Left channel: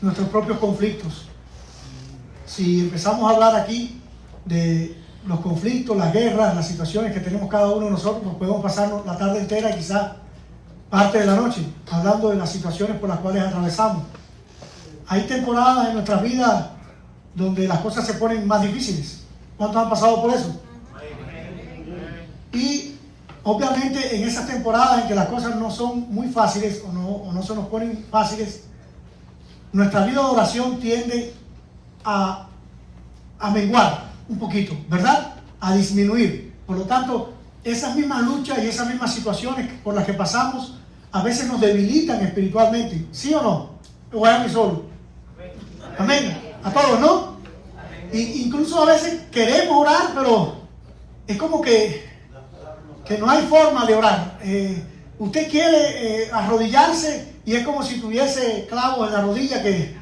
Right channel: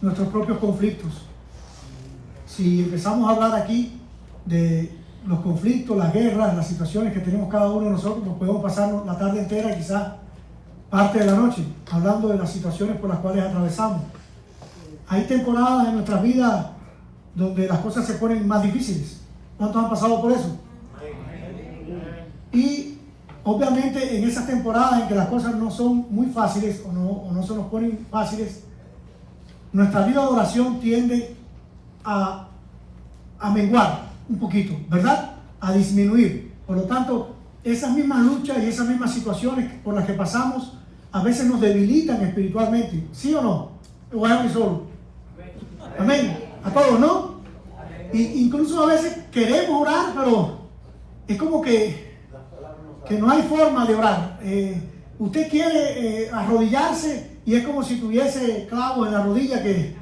nuestros propios conflictos. Si empezamos a hablar aquí de los conflictos, las guerras, las situaciones que tenemos cada uno de nosotros, pues podemos pasarnos la tarde entera y quizás parte de la noche hablando de las situaciones por las cuales atravesamos. Hay temporadas en nuestras vidas donde las cosas se ponen más difíciles. ¿Cuántos han pasado por eso? Y obviamente en esas temporadas en que las cosas no son muy fáciles o no se nos ponen fáciles, nuestra vida de oración tiende a menguar un poquito, ¿verdad? A disminuir. Por lo tanto, esas mismas luchas y esas mismas situaciones por las que pasamos a veces nos debilitan espiritualmente. ¿Sí o no? O a mí solo. Amén. A todos, ¿no? Incluso a veces queremos orar, pero es como que no hay forma de orar. Usted quiere arrodillarse y es como si tuviese clavos en la rodilla que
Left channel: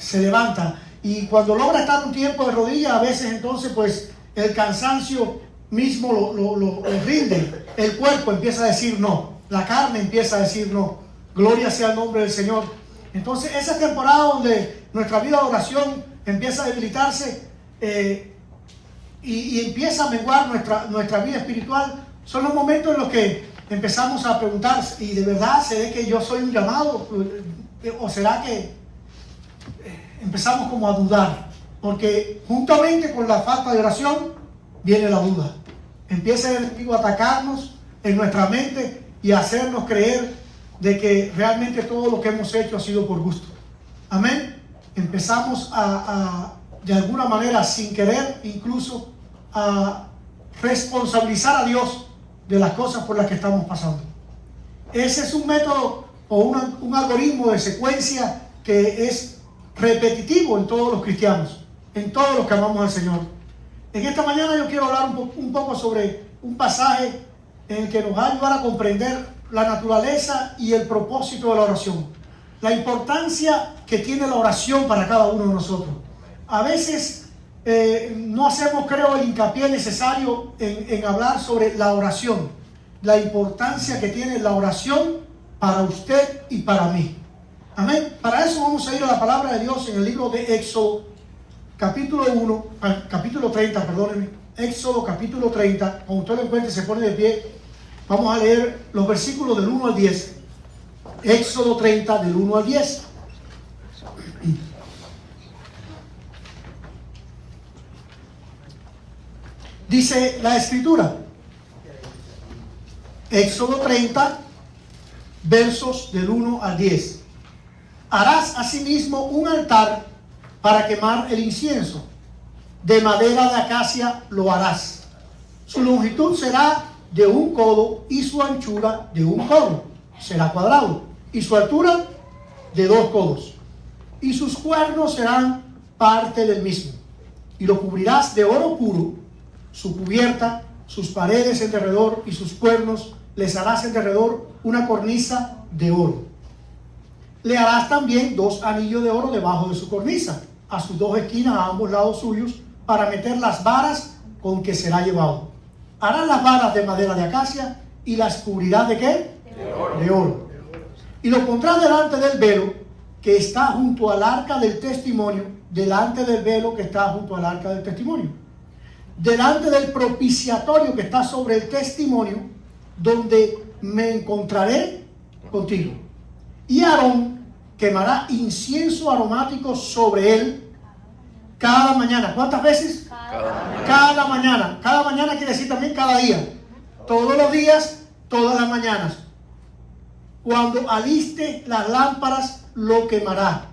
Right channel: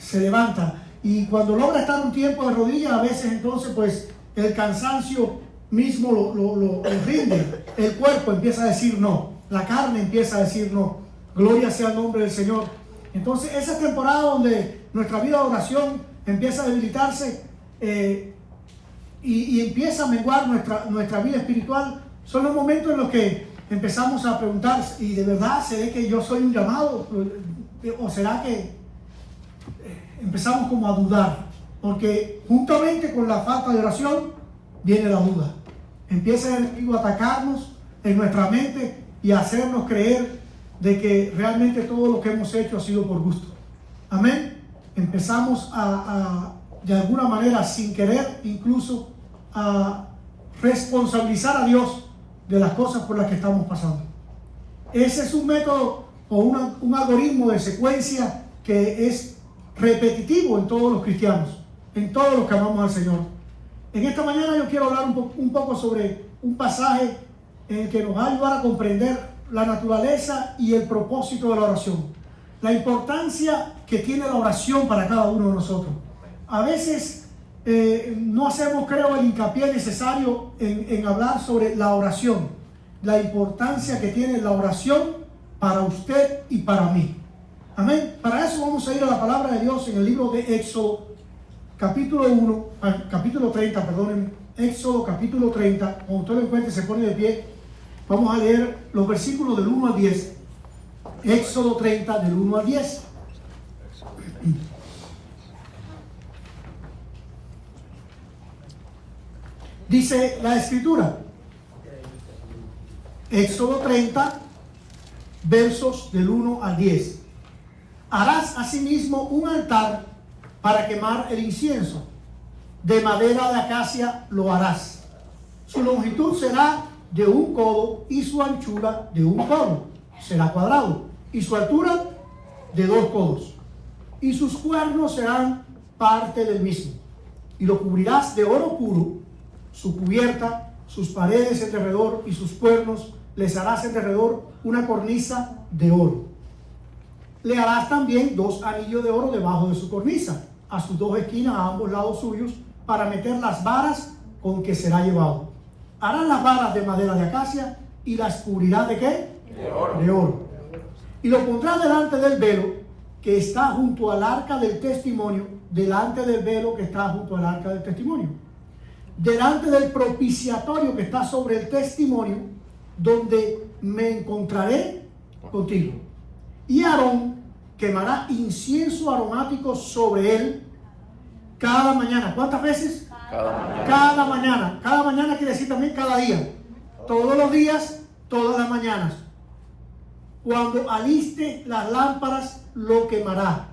se levanta. Y cuando logra estar un tiempo de rodillas, a veces entonces pues el cansancio mismo lo rinde. El cuerpo empieza a decir no. La carne empieza a decir no. Gloria sea el nombre del Señor. Entonces esa temporada donde nuestra vida de oración empieza a debilitarse y empieza a menguar nuestra vida espiritual, son los momentos en los que empezamos a preguntar, ¿y de verdad será que yo soy un llamado? ¿O será que empezamos como a dudar? Porque juntamente con la falta de oración viene la duda. Empieza el enemigo a atacarnos en nuestra mente y a hacernos creer de que realmente todo lo que hemos hecho ha sido por gusto. Amén. Empezamos de alguna manera, sin querer, incluso a responsabilizar a Dios de las cosas por las que estamos pasando. Ese es un método o un algoritmo de secuencia que es repetitivo en todos los cristianos, en todos los que amamos al Señor. En esta mañana yo quiero hablar un poco sobre un pasaje en el que nos va a ayudar a comprender la naturaleza y el propósito de la oración, la importancia que tiene la oración para cada uno de nosotros. A veces no hacemos, creo, el hincapié necesario en hablar sobre la oración, la importancia que tiene la oración para usted y para mí. Amén. Para eso vamos a ir a la palabra de Dios en el libro de Éxodo, capítulo 30, perdónenme. Éxodo, capítulo 30. Cuando usted lo encuentre, se pone de pie. Vamos a leer los versículos del 1 al 10. Éxodo 30, del 1 al 10. Dice la Escritura, Éxodo 30, versos del 1 al 10. Harás asimismo un altar para quemar el incienso. De madera de acacia lo harás. Su longitud será de 1 codo y su anchura de 1 codo. Será cuadrado. Y su altura de 2 codos. Y sus cuernos serán parte del mismo. Y lo cubrirás de oro puro. Su cubierta, sus paredes en derredor y sus cuernos les harás en derredor una cornisa de oro. Le harás también 2 anillos de oro debajo de su cornisa, a sus 2 esquinas a ambos lados suyos, para meter las varas con que será llevado. Harás las varas de madera de acacia y las cubrirás ¿de qué? De oro. Y lo pondrás delante del velo que está junto al arca del testimonio, delante del velo que está junto al arca del testimonio, delante del propiciatorio que está sobre el testimonio, donde me encontraré contigo. Y Aarón quemará incienso aromático sobre él cada mañana. ¿Cuántas veces? Cada mañana. Cada mañana quiere decir también cada día. Todos los días, todas las mañanas. Cuando aliste las lámparas, lo quemará.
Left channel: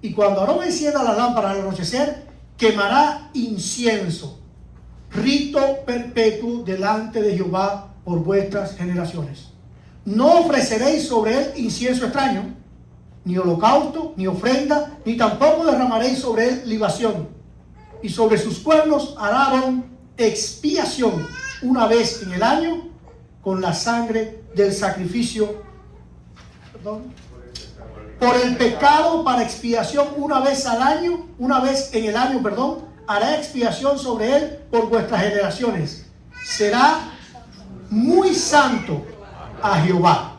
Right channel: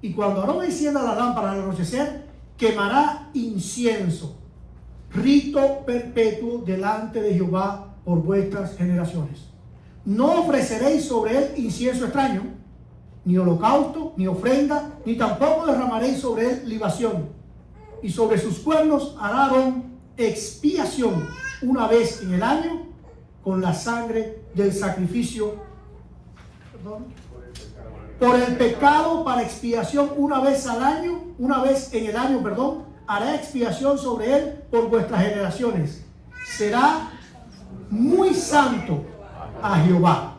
Y cuando Aarón encienda las lámparas al anochecer, quemará incienso. Rito perpetuo delante de Jehová por vuestras generaciones. No ofreceréis sobre él incienso extraño, ni holocausto, ni ofrenda, ni tampoco derramaréis sobre él libación. Y sobre sus cuernos hará Aarón expiación una vez en el año con la sangre del sacrificio. Por el pecado, para expiación una vez en el año, hará expiación sobre él por vuestras generaciones. Será muy santo a Jehová.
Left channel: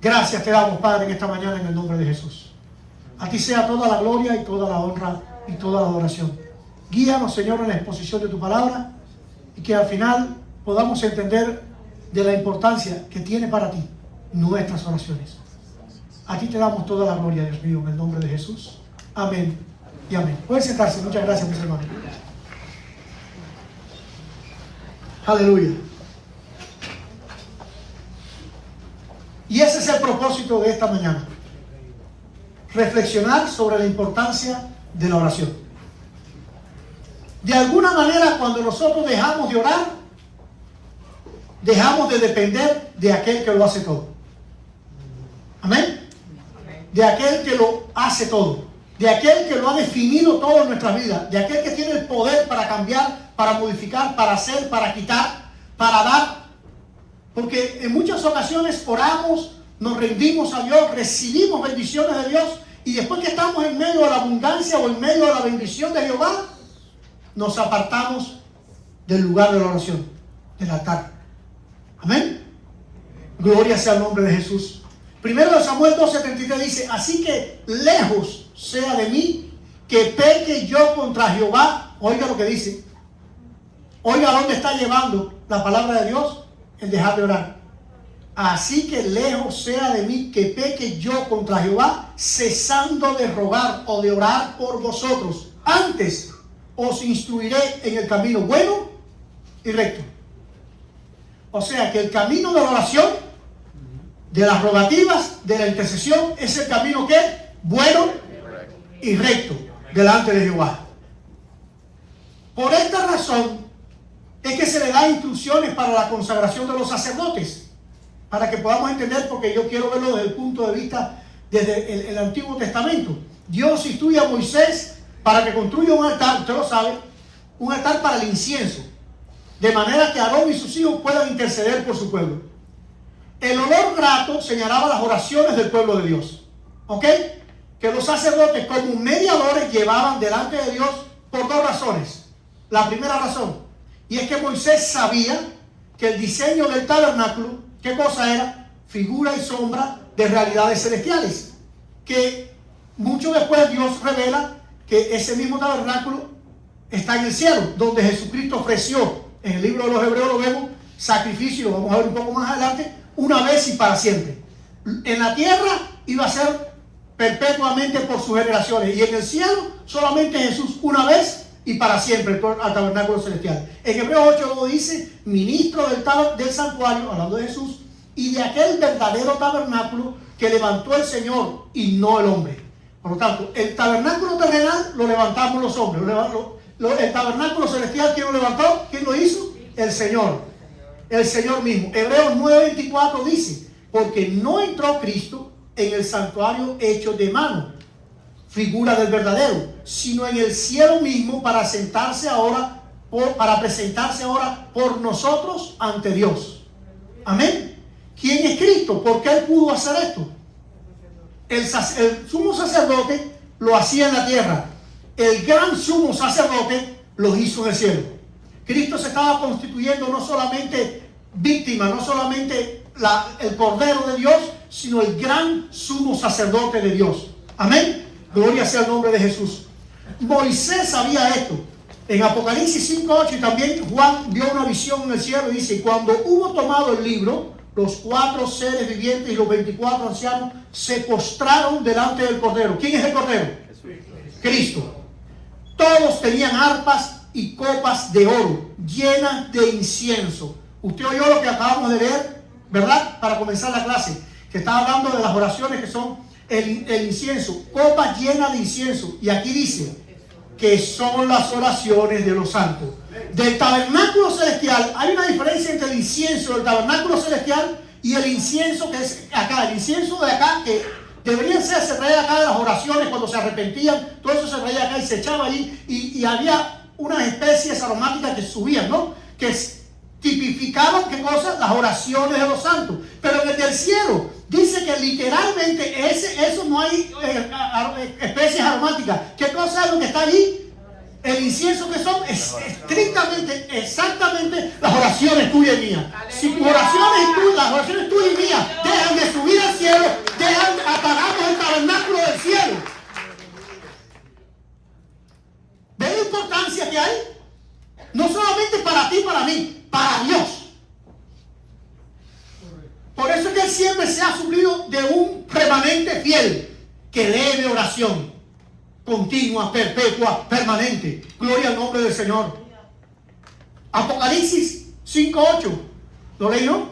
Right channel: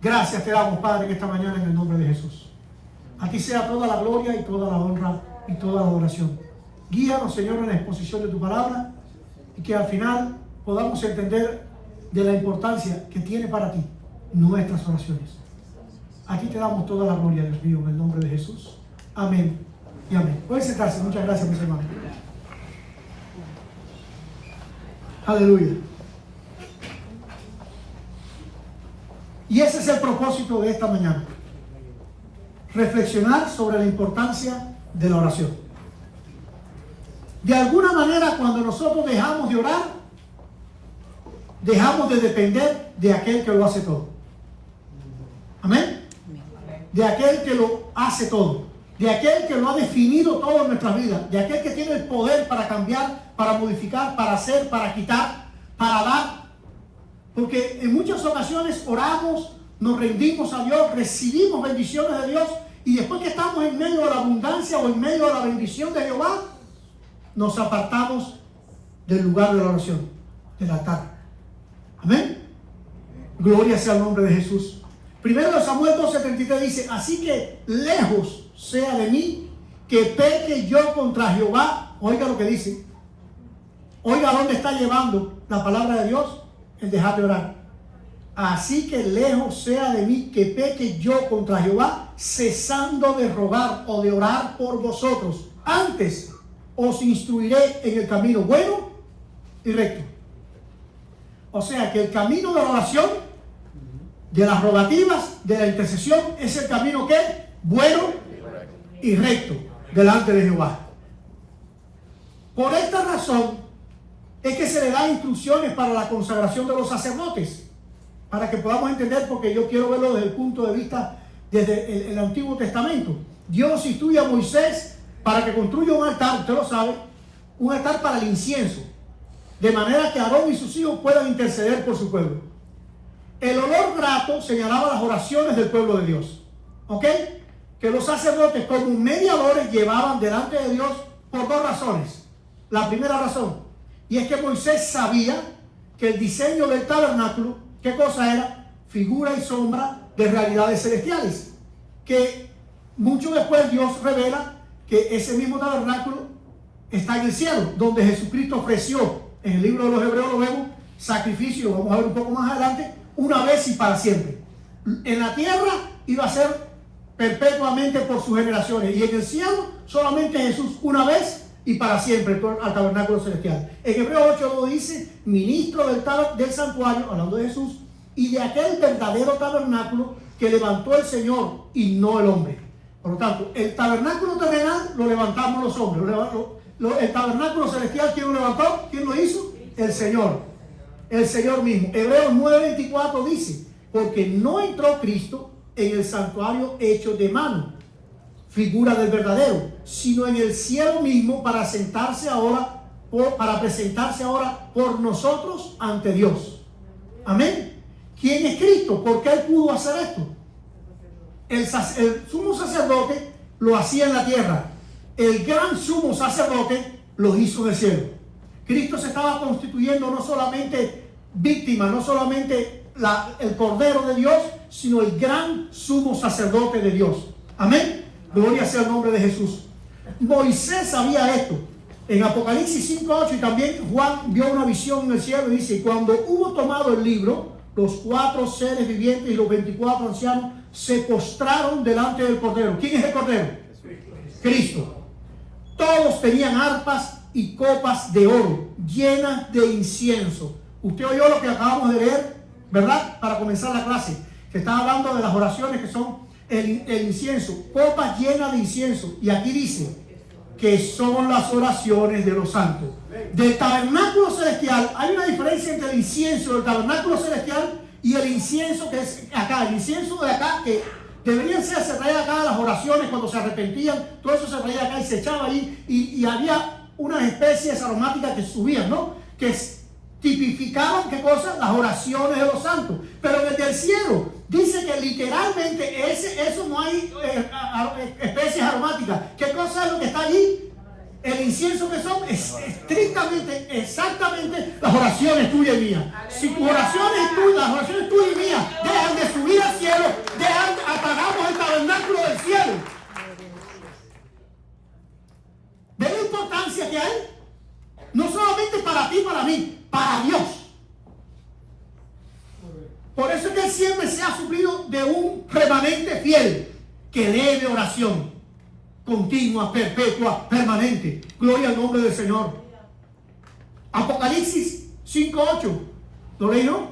Gracias te damos, Padre, en esta mañana en el nombre de Jesús. ti sea toda la gloria y toda la honra y toda la adoración. Guíanos, Señor, en la exposición de tu palabra y que al final podamos entender de la importancia que tiene para ti nuestras oraciones. A ti te damos toda la gloria, Dios mío, en el nombre de Jesús. Amén y amén. Pueden sentarse. Muchas gracias, mis hermanos. Aleluya. Y ese es el propósito de esta mañana. Reflexionar sobre la importancia de la oración. De alguna manera, cuando nosotros dejamos de orar, dejamos de depender de aquel que lo hace todo. Amén. De aquel que lo hace todo. De aquel que lo ha definido todo en nuestras vidas. De aquel que tiene el poder para cambiar, para modificar, para hacer, para quitar, para dar. Porque en muchas ocasiones oramos, nos rendimos a Dios, recibimos bendiciones de Dios, y después que estamos en medio de la abundancia o en medio de la bendición de Jehová, nos apartamos del lugar de la oración, del altar. Amén. Gloria sea el nombre de Jesús. Primero de Samuel 12:33 dice: así que lejos sea de mí que peque yo contra Jehová. Oiga lo que dice. Oiga dónde está llevando la palabra de Dios, el dejar de orar. Así que lejos sea de mí que peque yo contra Jehová, cesando de rogar o de orar por vosotros. Antes os instruiré en el camino bueno y recto. O sea que el camino de la oración, de las rogativas, de la intercesión, es el camino que bueno y recto delante de Jehová. Por esta razón es que se le da instrucciones para la consagración de los sacerdotes, para que podamos entender, porque yo quiero verlo desde el punto de vista desde el Antiguo Testamento. Dios instruye a Moisés para que construya un altar, usted lo sabe, un altar para el incienso, de manera que Aarón y sus hijos puedan interceder por su pueblo. El olor grato señalaba las oraciones del pueblo de Dios, ¿ok? Que los sacerdotes como mediadores llevaban delante de Dios por dos razones. La primera razón, y es que Moisés sabía que el diseño del tabernáculo, ¿qué cosa era? Figura y sombra de realidades celestiales. Que mucho después Dios revela que ese mismo tabernáculo está en el cielo, donde Jesucristo ofreció, en el libro de los Hebreos lo vemos, sacrificio, lo vamos a ver un poco más adelante, una vez y para siempre. En la tierra iba a ser perpetuamente por sus generaciones, y en el cielo solamente Jesús una vez y para siempre al tabernáculo celestial. En Hebreos 8 dice: ministro del santuario, hablando de Jesús, y de aquel verdadero tabernáculo que levantó el Señor y no el hombre. Por lo tanto, el tabernáculo terrenal lo levantamos los hombres. El tabernáculo celestial, ¿quién lo levantó? ¿Quién lo hizo? El Señor. El Señor mismo. Hebreos 9:24 dice: porque no entró Cristo en el santuario hecho de mano, figura del verdadero, sino en el cielo mismo para presentarse ahora por nosotros ante Dios. Amén. ¿Quién es Cristo? ¿Por qué Él pudo hacer esto? El sumo sacerdote lo hacía en la tierra. El gran sumo sacerdote lo hizo en el cielo. Cristo se estaba constituyendo no solamente víctima, no solamente el Cordero de Dios, sino el gran sumo sacerdote de Dios. Amén. Gloria sea el nombre de Jesús. Moisés sabía esto. En Apocalipsis 5:8, y también Juan vio una visión en el cielo y dice: cuando hubo tomado el libro, los 4 seres vivientes y los 24 ancianos se postraron delante del Cordero. ¿Quién es el Cordero? Cristo. Todos tenían arpas y copas de oro llenas de incienso. Usted oyó lo que acabamos de leer, ¿verdad? Para comenzar la clase, que está hablando de las oraciones que son el incienso, copas llenas de incienso. Y aquí dice que son las oraciones de los santos. Del tabernáculo celestial hay una diferencia entre el incienso del tabernáculo celestial y el incienso que es acá. El incienso de acá, que deberían ser, se traía acá de las oraciones cuando se arrepentían, todo eso se traía acá y se echaba ahí, y había unas especies aromáticas que subían, ¿no? Que tipificaban, ¿qué cosa? Las oraciones de los santos. Pero desde el cielo dice que literalmente eso no hay especies aromáticas. ¿Qué cosa es lo que está allí? El incienso, que son estrictamente, exactamente las oraciones tuyas y mías. Si tus oraciones las oraciones tuyas y mías dejan de subir al cielo, apagamos el tabernáculo del cielo. que lee de oración continua, perpetua, permanente. Gloria al nombre del Señor. Apocalipsis 5:8. ¿Lo leí, no?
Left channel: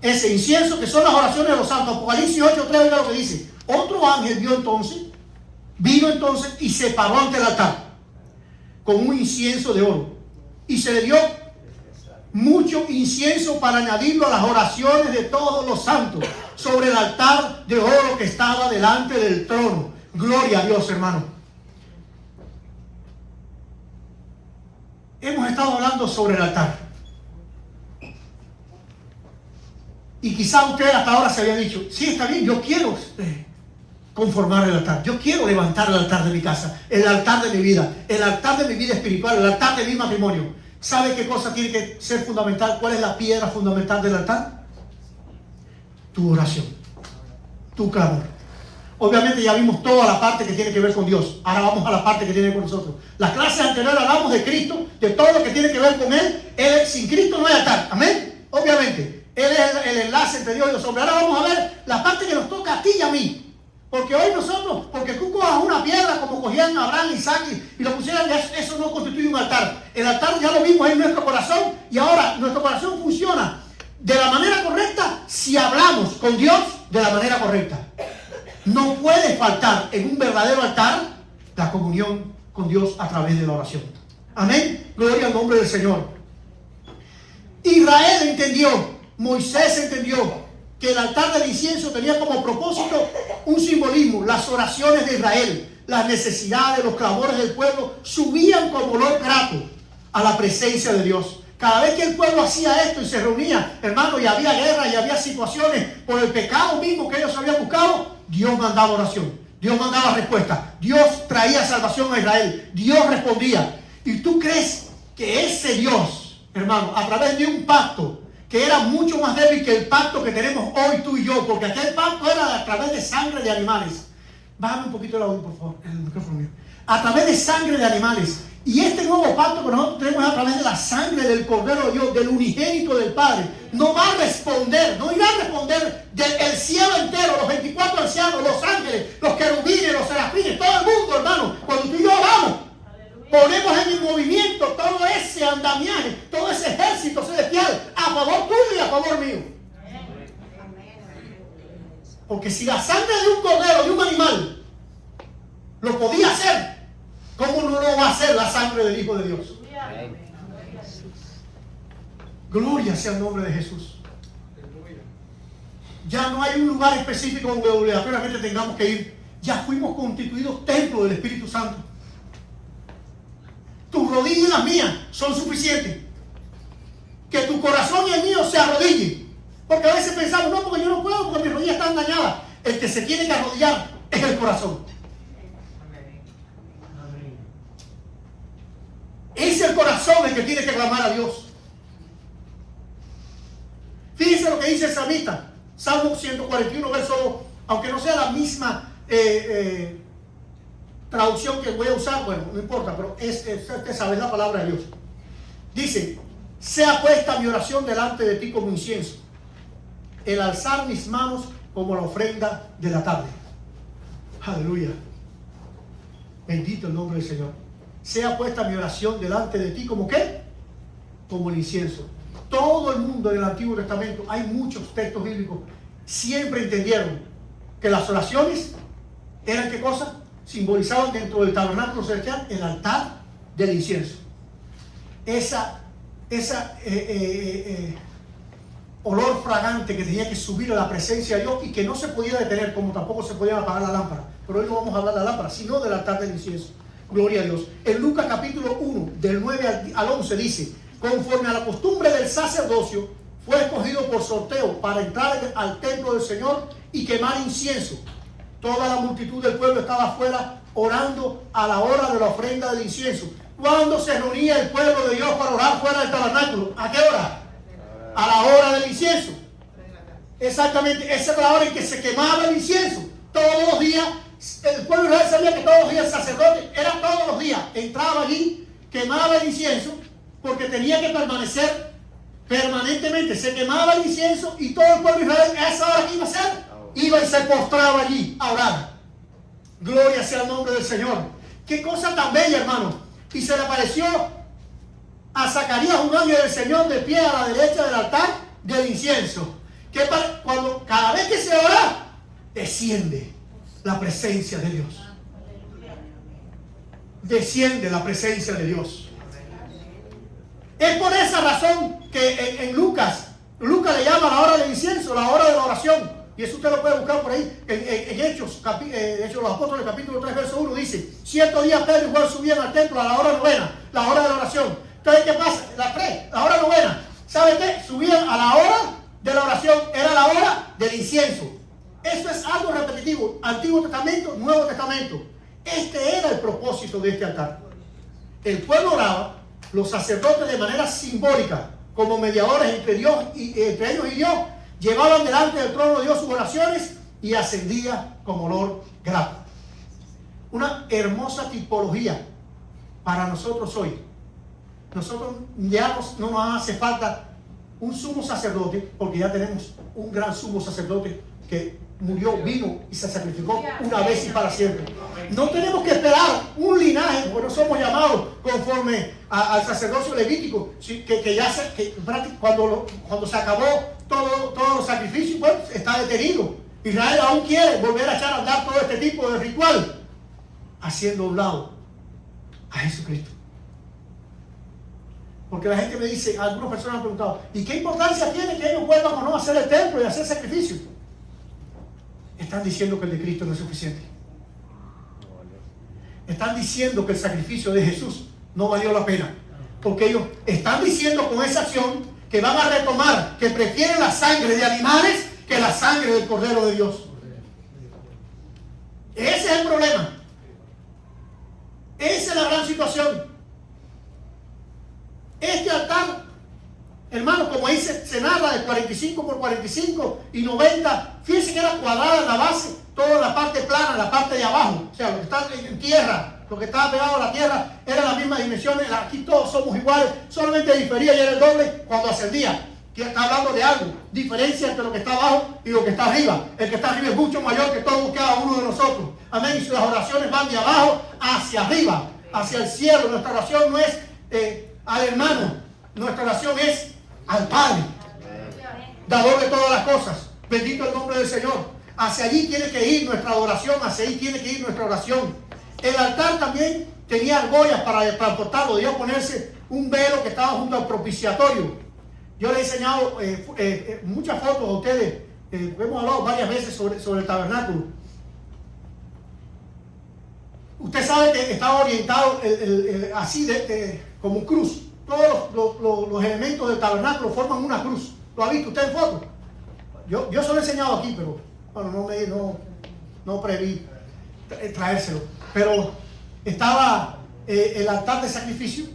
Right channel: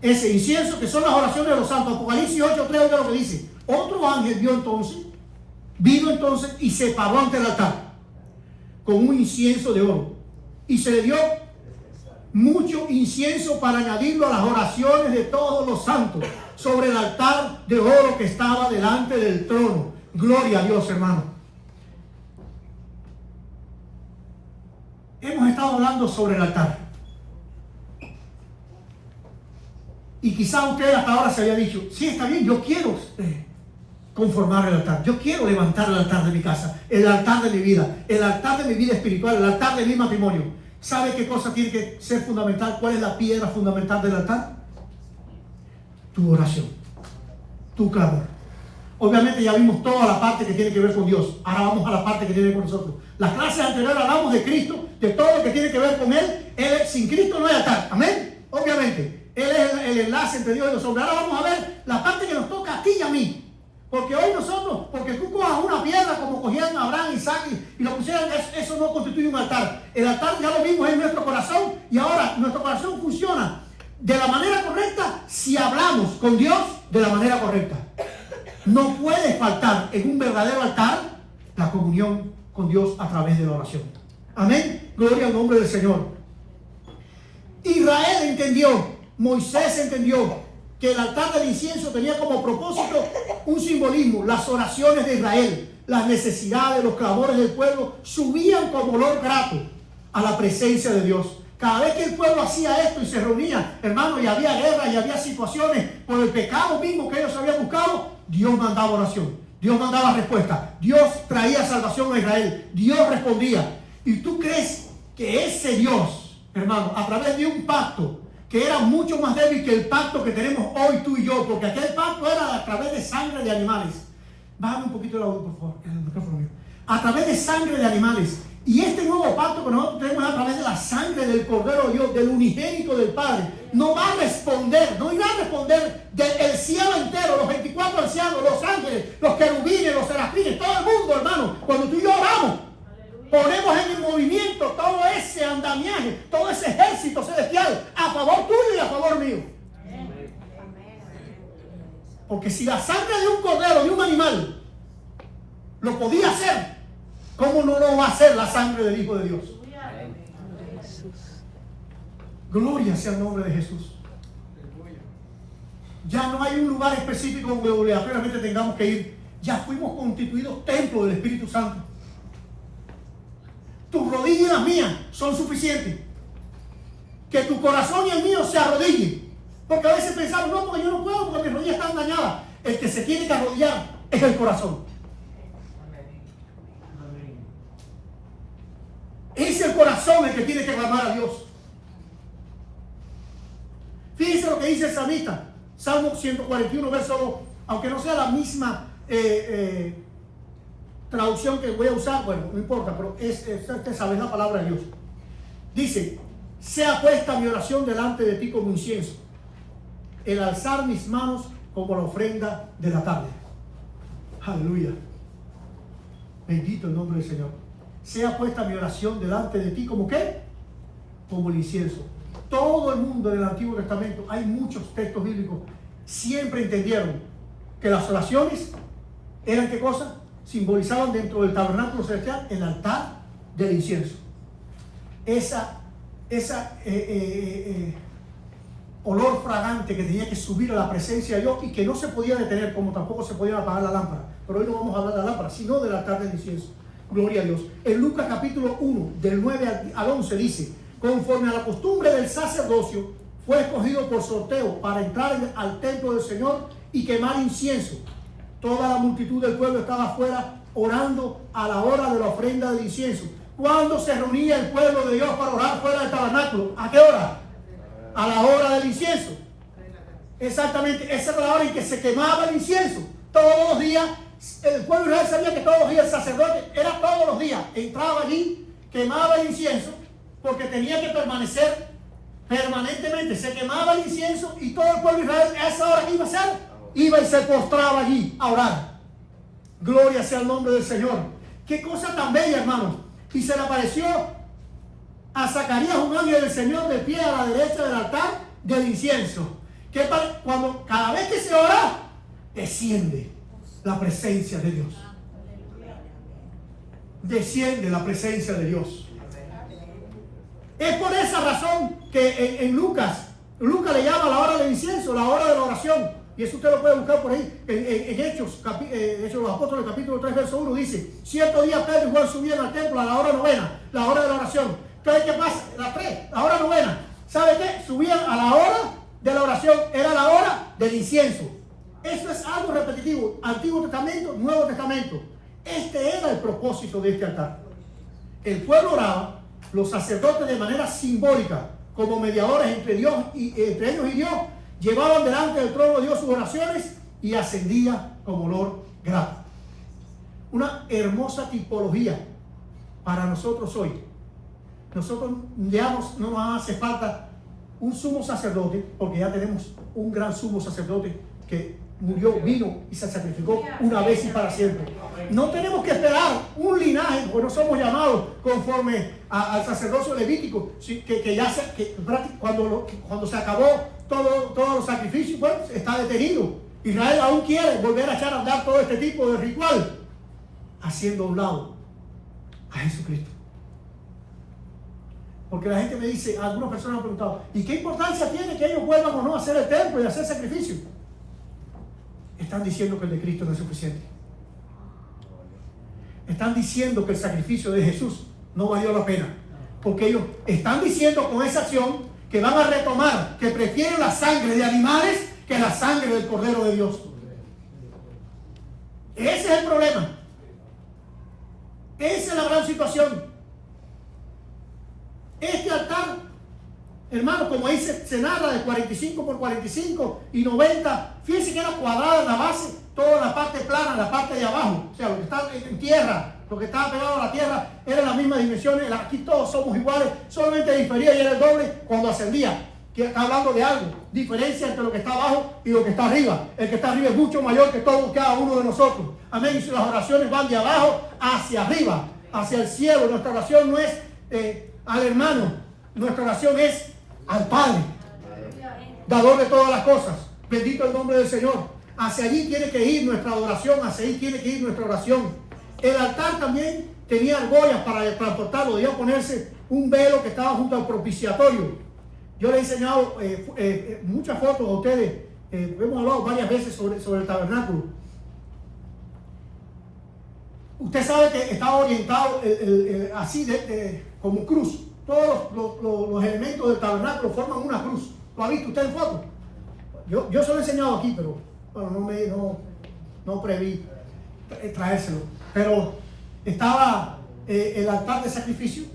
Ese incienso que son las oraciones de los santos. Apocalipsis 8:3, oiga lo que dice. Otro ángel vino entonces y se paró ante el altar con un incienso de oro. Y se le dio mucho incienso para añadirlo a las oraciones de todos los santos sobre el altar de oro que estaba delante del trono. Gloria a Dios, hermano. Hemos estado hablando sobre el altar. Y quizá usted hasta ahora se había dicho, sí, está bien, yo quiero conformar el altar. Yo quiero levantar el altar de mi casa, el altar de mi vida, el altar de mi vida espiritual, el altar de mi matrimonio. ¿Sabe qué cosa tiene que ser fundamental? ¿Cuál es la piedra fundamental del altar? Tu oración, tu clamor. Obviamente ya vimos toda la parte que tiene que ver con Dios. Ahora vamos a la parte que tiene que ver con nosotros. Las clases anteriores hablamos de Cristo, de todo lo que tiene que ver con Él. Sin Cristo no hay altar. Amén. Obviamente. Él es el enlace entre Dios y los hombres. Ahora vamos a ver la parte que nos toca a ti y a mí. Porque hoy nosotros, porque tú cojas una piedra como cogían Abraham y Isaac y lo pusieran, eso no constituye un altar. El altar ya lo vimos en nuestro corazón y ahora nuestro corazón funciona de la manera correcta si hablamos con Dios de la manera correcta. No puede faltar en un verdadero altar la comunión con Dios a través de la oración. Amén. Gloria al nombre del Señor. Israel entendió, Moisés entendió que el altar del incienso tenía como propósito un simbolismo. Las oraciones de Israel, las necesidades, los clamores del pueblo subían como olor grato a la presencia de Dios. Cada vez que el pueblo hacía esto y se reunía, hermano, y había guerra y había situaciones por el pecado mismo que ellos habían buscado, Dios mandaba oración, Dios mandaba respuesta, Dios traía salvación a Israel, Dios respondía. ¿Y tú crees que ese Dios, hermano, a través de un pacto que era mucho más débil que el pacto que tenemos hoy tú y yo, porque aquel pacto era a través de sangre de animales? Bájame un poquito el audio, por favor, el micrófono mío. A través de sangre de animales. Y este nuevo pacto que nosotros tenemos es a través de la sangre del Cordero de Dios, del unigénito del Padre. No va a responder, no irá a responder del cielo entero, los 24 ancianos, los ángeles, los querubines, los serafines, todo el mundo, hermano. Cuando tú y yo oramos, ponemos en movimiento todo ese andamiaje, todo ese ejército celestial a favor tuyo y a favor mío. Porque si la sangre de un cordero, de un animal, lo podía hacer, ¿cómo no lo va a hacer la sangre del Hijo de Dios? Gloria sea el nombre de Jesús. Ya no hay un lugar específico donde obligatoriamente tengamos que ir. Ya fuimos constituidos templo del Espíritu Santo. Tus rodillas y las mías son suficientes. Que tu corazón y el mío se arrodillen. Porque a veces pensamos, no, porque yo no puedo, porque mis rodillas están dañadas. El que se tiene que arrodillar es el corazón. Es el corazón el que tiene que clamar a Dios. Fíjense lo que dice el salmista, Salmo 141, verso 2, aunque no sea la misma traducción que voy a usar, bueno, no importa, pero usted sabe la palabra de Dios. Dice, sea puesta mi oración delante de ti como incienso, el alzar mis manos como la ofrenda de la tarde. Aleluya. Bendito el nombre del Señor. Sea puesta mi oración delante de ti como ¿qué? Como el incienso. Todo el mundo en el Antiguo Testamento, hay muchos textos bíblicos, siempre entendieron que las oraciones eran ¿qué cosa? Simbolizaban dentro del tabernáculo celestial el altar del incienso. Esa olor fragante que tenía que subir a la presencia de Dios y que no se podía detener, como tampoco se podía apagar la lámpara. Pero hoy no vamos a hablar de la lámpara, sino del altar del incienso. Gloria a Dios. En Lucas capítulo 1, del 9 al 11 dice, conforme a la costumbre del sacerdocio, fue escogido por sorteo para entrar al templo del Señor y quemar incienso. Toda la multitud del pueblo estaba afuera orando a la hora de la ofrenda del incienso. ¿Cuándo se reunía el pueblo de Dios para orar fuera del tabernáculo? ¿A qué hora? A la hora del incienso. Exactamente, esa es la hora en que se quemaba el incienso. Todos los días, el pueblo de Israel sabía que todos los días el sacerdote, era todos los días, entraba allí, quemaba el incienso, porque tenía que permanecer permanentemente. Se quemaba el incienso y todo el pueblo de Israel a esa hora que iba a hacer, iba y se postraba allí a orar. Gloria sea el nombre del Señor. Qué cosa tan bella, hermano. Y se le apareció a Zacarías un ángel del Señor de pie a la derecha del altar del incienso. Que cuando cada vez que se ora, desciende la presencia de Dios. Desciende la presencia de Dios. Es por esa razón que en Lucas le llama la hora del incienso, la hora de la oración. Y eso usted lo puede buscar por ahí. En Hechos, Hechos los Apóstoles, capítulo 3, verso 1, dice: cierto día Pedro y Juan subían al templo a la hora novena, la hora de la oración. Entonces, ¿qué pasa? La hora novena. ¿Sabe qué? Subían a la hora de la oración, era la hora del incienso. Eso es algo repetitivo. Antiguo Testamento, Nuevo Testamento. Este era el propósito de este altar. El pueblo oraba, los sacerdotes de manera simbólica, como mediadores entre ellos y Dios, llevaban delante del trono de Dios sus oraciones y ascendía como olor grato. Una hermosa tipología para nosotros hoy. Nosotros ya no nos hace falta un sumo sacerdote, porque ya tenemos un gran sumo sacerdote que murió, vino y se sacrificó una vez y para siempre. No tenemos que esperar un linaje, porque no somos llamados conforme al sacerdocio levítico, cuando se acabó todos los sacrificios, pues está detenido. Israel aún quiere volver a echar a andar todo este tipo de ritual, haciendo a un lado a Jesucristo. Porque la gente me dice, algunas personas han preguntado, ¿y qué importancia tiene que ellos vuelvan o no a hacer el templo y hacer sacrificio? Están diciendo que el de Cristo no es suficiente. Están diciendo que el sacrificio de Jesús no valió la pena. Porque ellos están diciendo con esa acción que van a retomar, que prefieren la sangre de animales que la sangre del Cordero de Dios. Ese es el problema. Esa es la gran situación. Este altar, hermano, como ahí se narra, de 45 por 45 y 90, fíjense que era cuadrada la base, toda la parte plana, la parte de abajo, o sea, lo que está en tierra, lo que estaba pegado a la tierra, era la misma dimensión. Aquí todos somos iguales, solamente difería y era el doble cuando ascendía. Que está hablando de algo, diferencia entre lo que está abajo y lo que está arriba. El que está arriba es mucho mayor que todo cada uno de nosotros. Amén. Y las oraciones van de abajo hacia arriba, hacia el cielo. Nuestra oración no es al hermano, nuestra oración es al Padre, dador de todas las cosas. Bendito el nombre del Señor. Hacia allí tiene que ir nuestra oración, hacia allí tiene que ir nuestra oración. El altar también tenía argollas para transportarlo, debía ponerse un velo que estaba junto al propiciatorio. Yo le he enseñado muchas fotos a ustedes, hemos hablado varias veces sobre el tabernáculo. Usted sabe que estaba orientado así como cruz. Todos los elementos del tabernáculo forman una cruz. ¿Lo ha visto usted en foto? Yo se lo he enseñado aquí, pero bueno, no preví traérselo. Pero estaba el altar de sacrificio,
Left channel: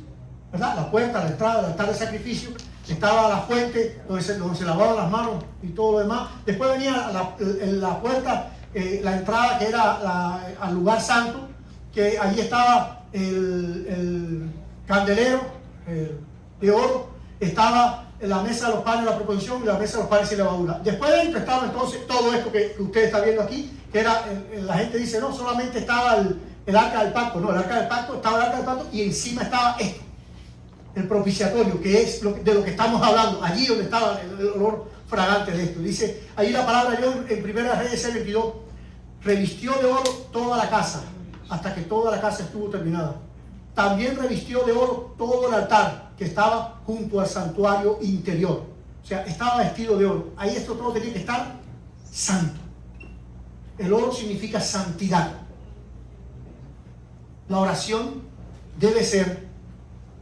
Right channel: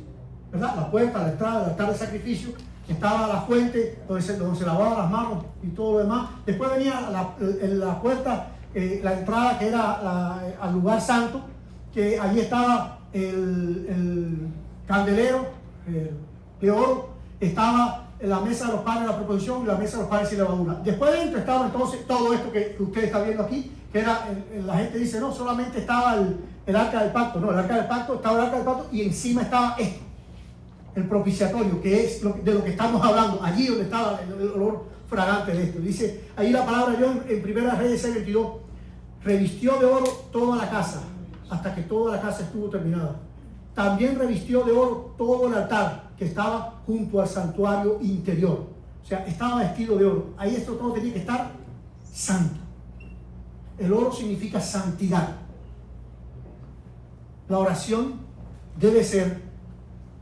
¿verdad? La puerta, la entrada del altar de sacrificio. Estaba la fuente donde se lavaban las manos y todo lo demás. Después venía la puerta, la entrada que era al lugar santo, que allí estaba el candelero de oro, estaba la mesa de los panes de la proposición y la mesa de los panes sin levadura. Después de dentro estaba entonces todo esto que usted está viendo aquí, que era, la gente dice, no, solamente estaba el arca del pacto. No, el arca del pacto, estaba el arca del pacto y encima estaba esto, el propiciatorio, que es de lo que estamos hablando, allí donde estaba el olor fragante de esto. Dice, ahí la palabra yo en Primera Reyes 6:22, revistió de oro toda la casa, hasta que toda la casa estuvo terminada. También revistió de oro todo el altar que estaba junto al santuario interior. O sea, estaba vestido de oro. Ahí esto todo tenía que estar santo. El oro significa santidad. La oración debe ser,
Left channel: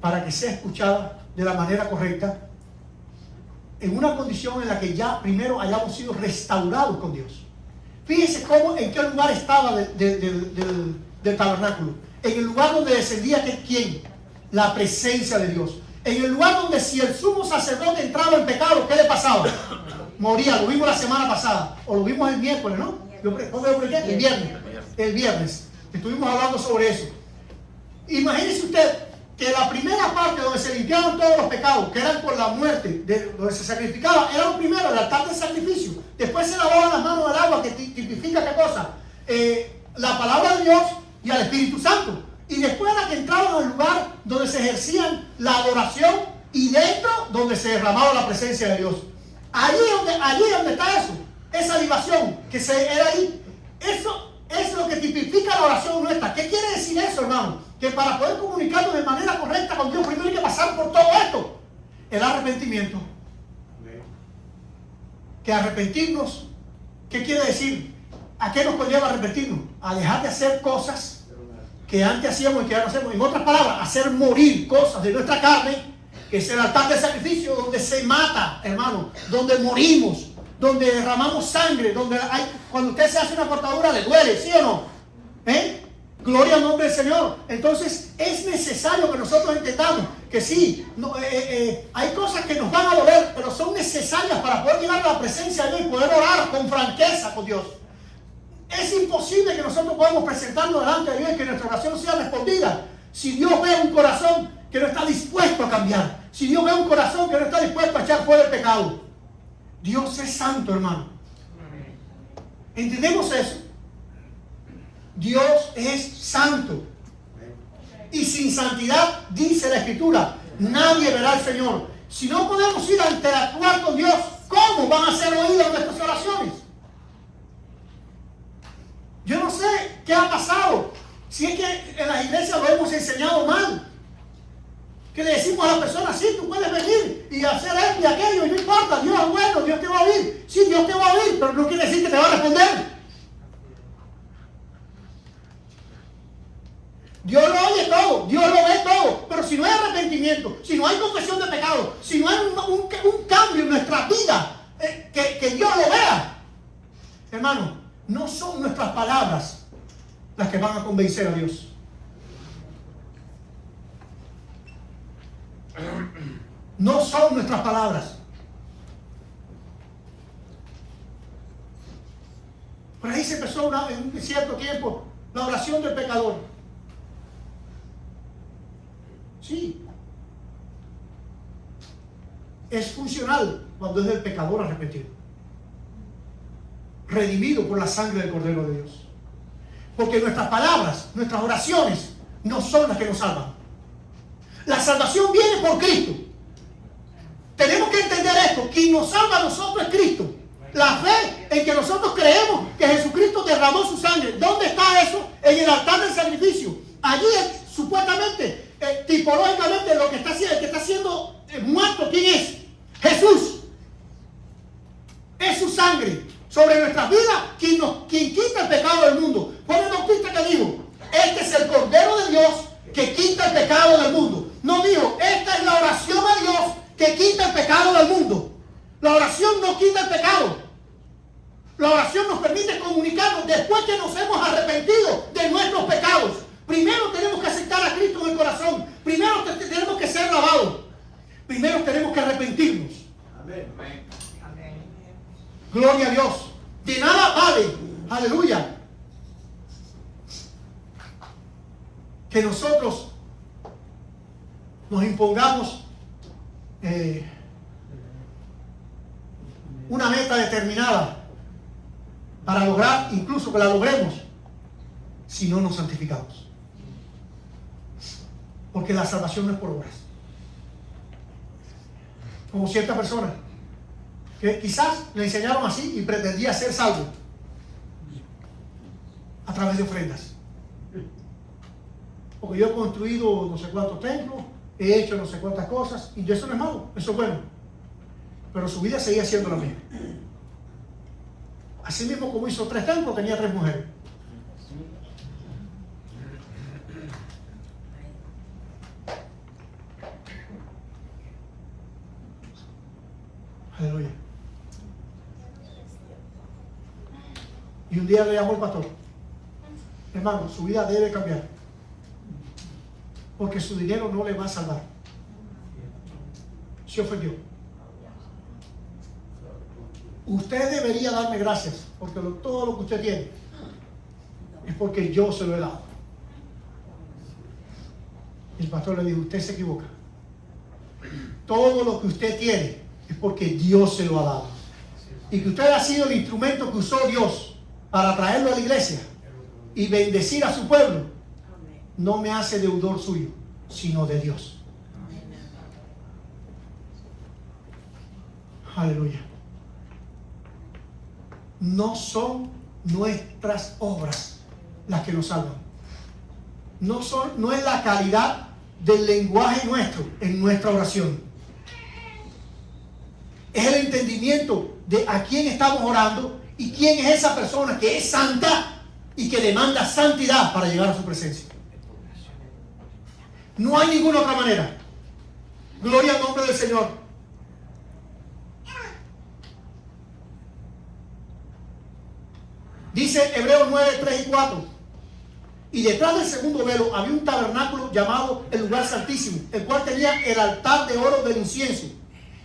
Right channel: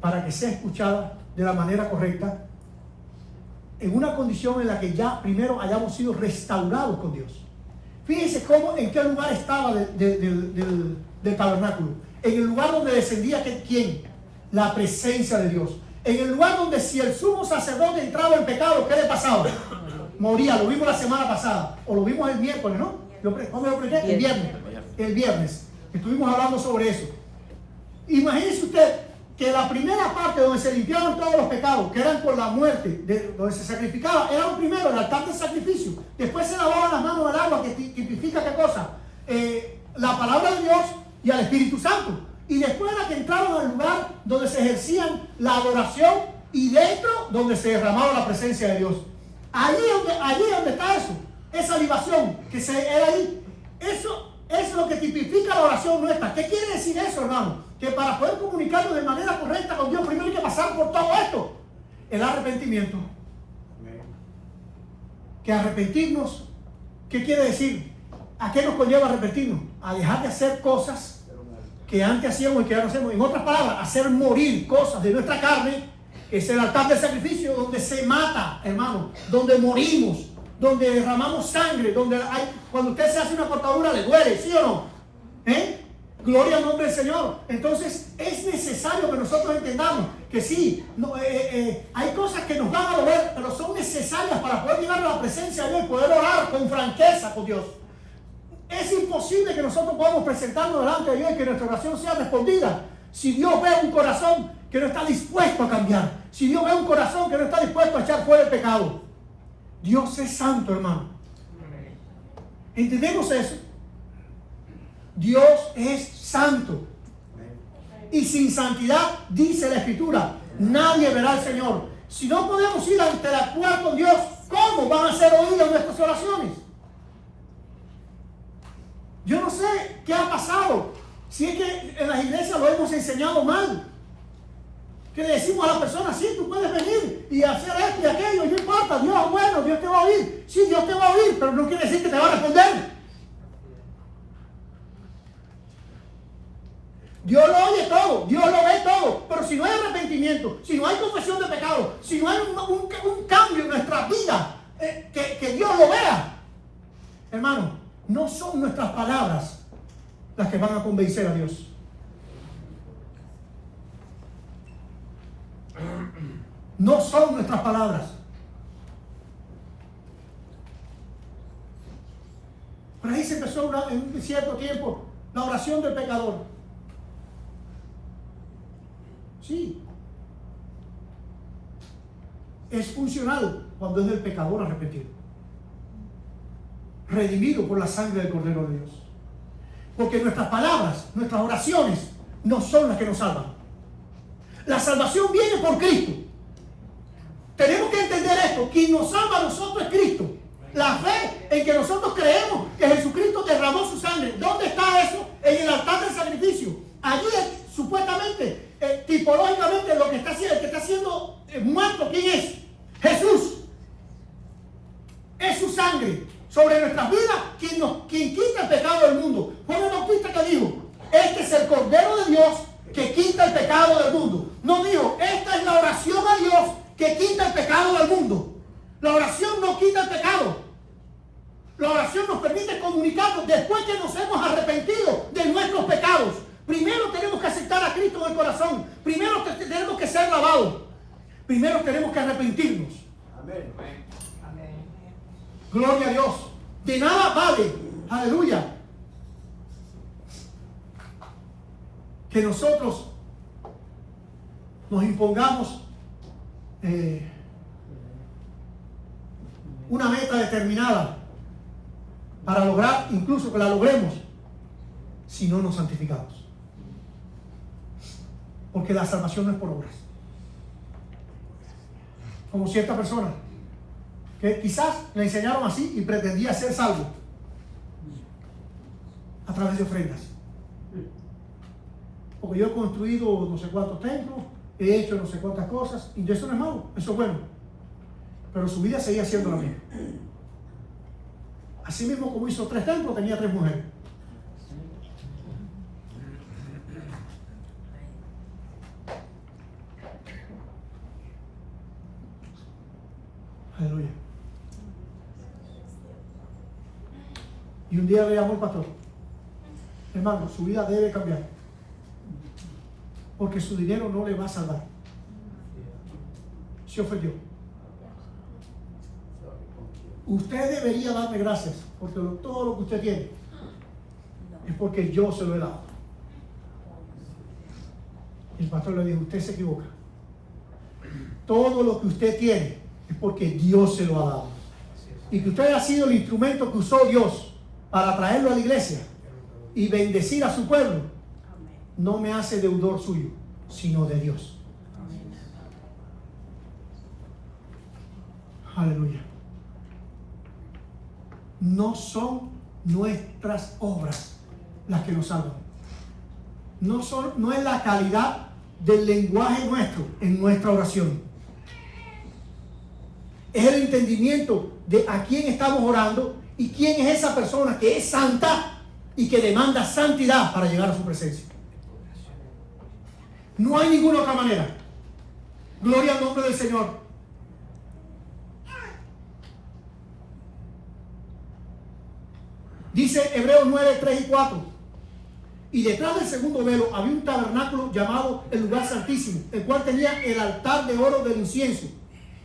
para que sea escuchada de la manera correcta, en una condición en la que ya primero hayamos sido restaurados con Dios. Fíjense en qué lugar estaba del tabernáculo. En el lugar donde descendía, ¿quién? La presencia de Dios. En el lugar donde si el sumo sacerdote entraba en pecado, ¿qué le pasaba? Moría. Lo vimos la semana pasada, o lo vimos el miércoles, ¿no? El viernes. Estuvimos hablando sobre eso. Imagínese usted que la primera parte donde se limpiaban todos los pecados, que eran por la muerte, donde se sacrificaba, era lo primero, el altar del sacrificio. Después se lavaban las manos al agua, que tipifica qué cosa, la palabra de Dios y al Espíritu Santo. Y después era que entraban al lugar donde se ejercían la adoración y dentro donde se derramaba la presencia de Dios. Allí donde está eso, esa libación que se era ahí, eso es lo que tipifica la oración nuestra. ¿Qué quiere decir eso, hermano? Que para poder comunicarnos de manera correcta con Dios, primero hay que pasar por todo esto. El arrepentimiento. Que arrepentirnos, ¿qué quiere decir? ¿A qué nos conlleva arrepentirnos? A dejar de hacer cosas que antes hacíamos y que ahora no hacemos. En otras palabras, hacer morir cosas de nuestra carne, que es el altar del sacrificio, donde se mata, hermano, donde morimos, donde derramamos sangre, donde cuando usted se hace una cortadura le duele, ¿sí o no? Gloria al nombre del Señor. Entonces es necesario que nosotros entendamos que sí, hay cosas que nos van a doler, pero son necesarias para poder llegar a la presencia de Dios y poder orar con franqueza con Dios. Es imposible que nosotros podamos presentarnos delante de Dios y que nuestra oración sea respondida si Dios ve un corazón que no está dispuesto a cambiar, si Dios ve un corazón que no está dispuesto a echar fuera el pecado. Dios es santo, hermano. ¿Entendemos eso? Dios es santo. Y sin santidad, dice la Escritura, nadie verá al Señor. Si no podemos ir a interactuar con Dios, ¿cómo van a ser oídas nuestras oraciones? Yo no sé qué ha pasado. Si es que en las iglesias lo hemos enseñado mal. Que le decimos a la persona, sí, tú puedes venir y hacer esto y aquello, y no importa, Dios es bueno, Dios te va a oír. Sí, Dios te va a oír, pero no quiere decir que te va a responder. Dios lo oye todo, Dios lo ve todo, pero si no hay arrepentimiento, si no hay confesión de pecado, si no hay un cambio en nuestra vida, que Dios lo vea, hermano, no son nuestras palabras las que van a convencer a Dios. No son nuestras palabras. Por ahí se empezó en un cierto tiempo la oración del pecador. Sí. Es funcional cuando es del pecador arrepentido, redimido por la sangre del Cordero de Dios. Porque nuestras palabras, nuestras oraciones, no son las que nos salvan. La salvación viene por Cristo. Tenemos que entender esto. Quien nos salva a nosotros es Cristo. La fe en que nosotros creemos que Jesucristo derramó su sangre. ¿Dónde está eso? En el altar del sacrificio. Allí supuestamente, tipológicamente, lo que está haciendo, el que está siendo muerto, ¿quién es? Jesús. Es su sangre sobre nuestras vidas quien quita el pecado del mundo. Fue el bautista que dijo, este es el Cordero de Dios que quita el pecado del mundo. No dijo, esta es la oración a Dios que quita el pecado del mundo. La oración no quita el pecado. La oración nos permite comunicarnos después que nos hemos arrepentido de nuestros pecados. Primero tenemos que aceptar a Cristo en el corazón. Primero tenemos que ser lavados. Primero tenemos que arrepentirnos. Amén. Gloria a Dios. De nada vale, aleluya, que nosotros nos impongamos una meta determinada para lograr, incluso que la logremos, si no nos santificamos. Porque la salvación no es por obras. Como cierta persona que quizás le enseñaron así y pretendía ser salvo a través de ofrendas. Porque yo he construido no sé cuántos templos, he hecho no sé cuántas cosas, y eso no es malo, eso es bueno. Pero su vida seguía siendo la misma. Así mismo como hizo 3 templos, tenía 3 mujeres. Aleluya. Y un día le llamó el pastor: hermano, su vida debe cambiar, porque su dinero no le va a salvar. Se ofendió. Usted debería darme gracias, porque todo lo que usted tiene es porque yo se lo he dado. El pastor le dijo: usted se equivoca. Todo lo que usted tiene es porque Dios se lo ha dado. Y que usted ha sido el instrumento que usó Dios para traerlo a la iglesia. y bendecir a su pueblo, no me hace deudor suyo, sino de Dios. Aleluya. No son nuestras obras las que nos salvan. No es la calidad del lenguaje nuestro en nuestra oración. Es el entendimiento de a quién estamos orando y quién es esa persona que es santa y que demanda santidad para llegar a su presencia. No hay ninguna otra manera. Gloria al nombre del Señor. Dice Hebreos 9, 3 y 4. Y detrás del segundo velo había un tabernáculo llamado el lugar santísimo, el cual tenía el altar de oro del incienso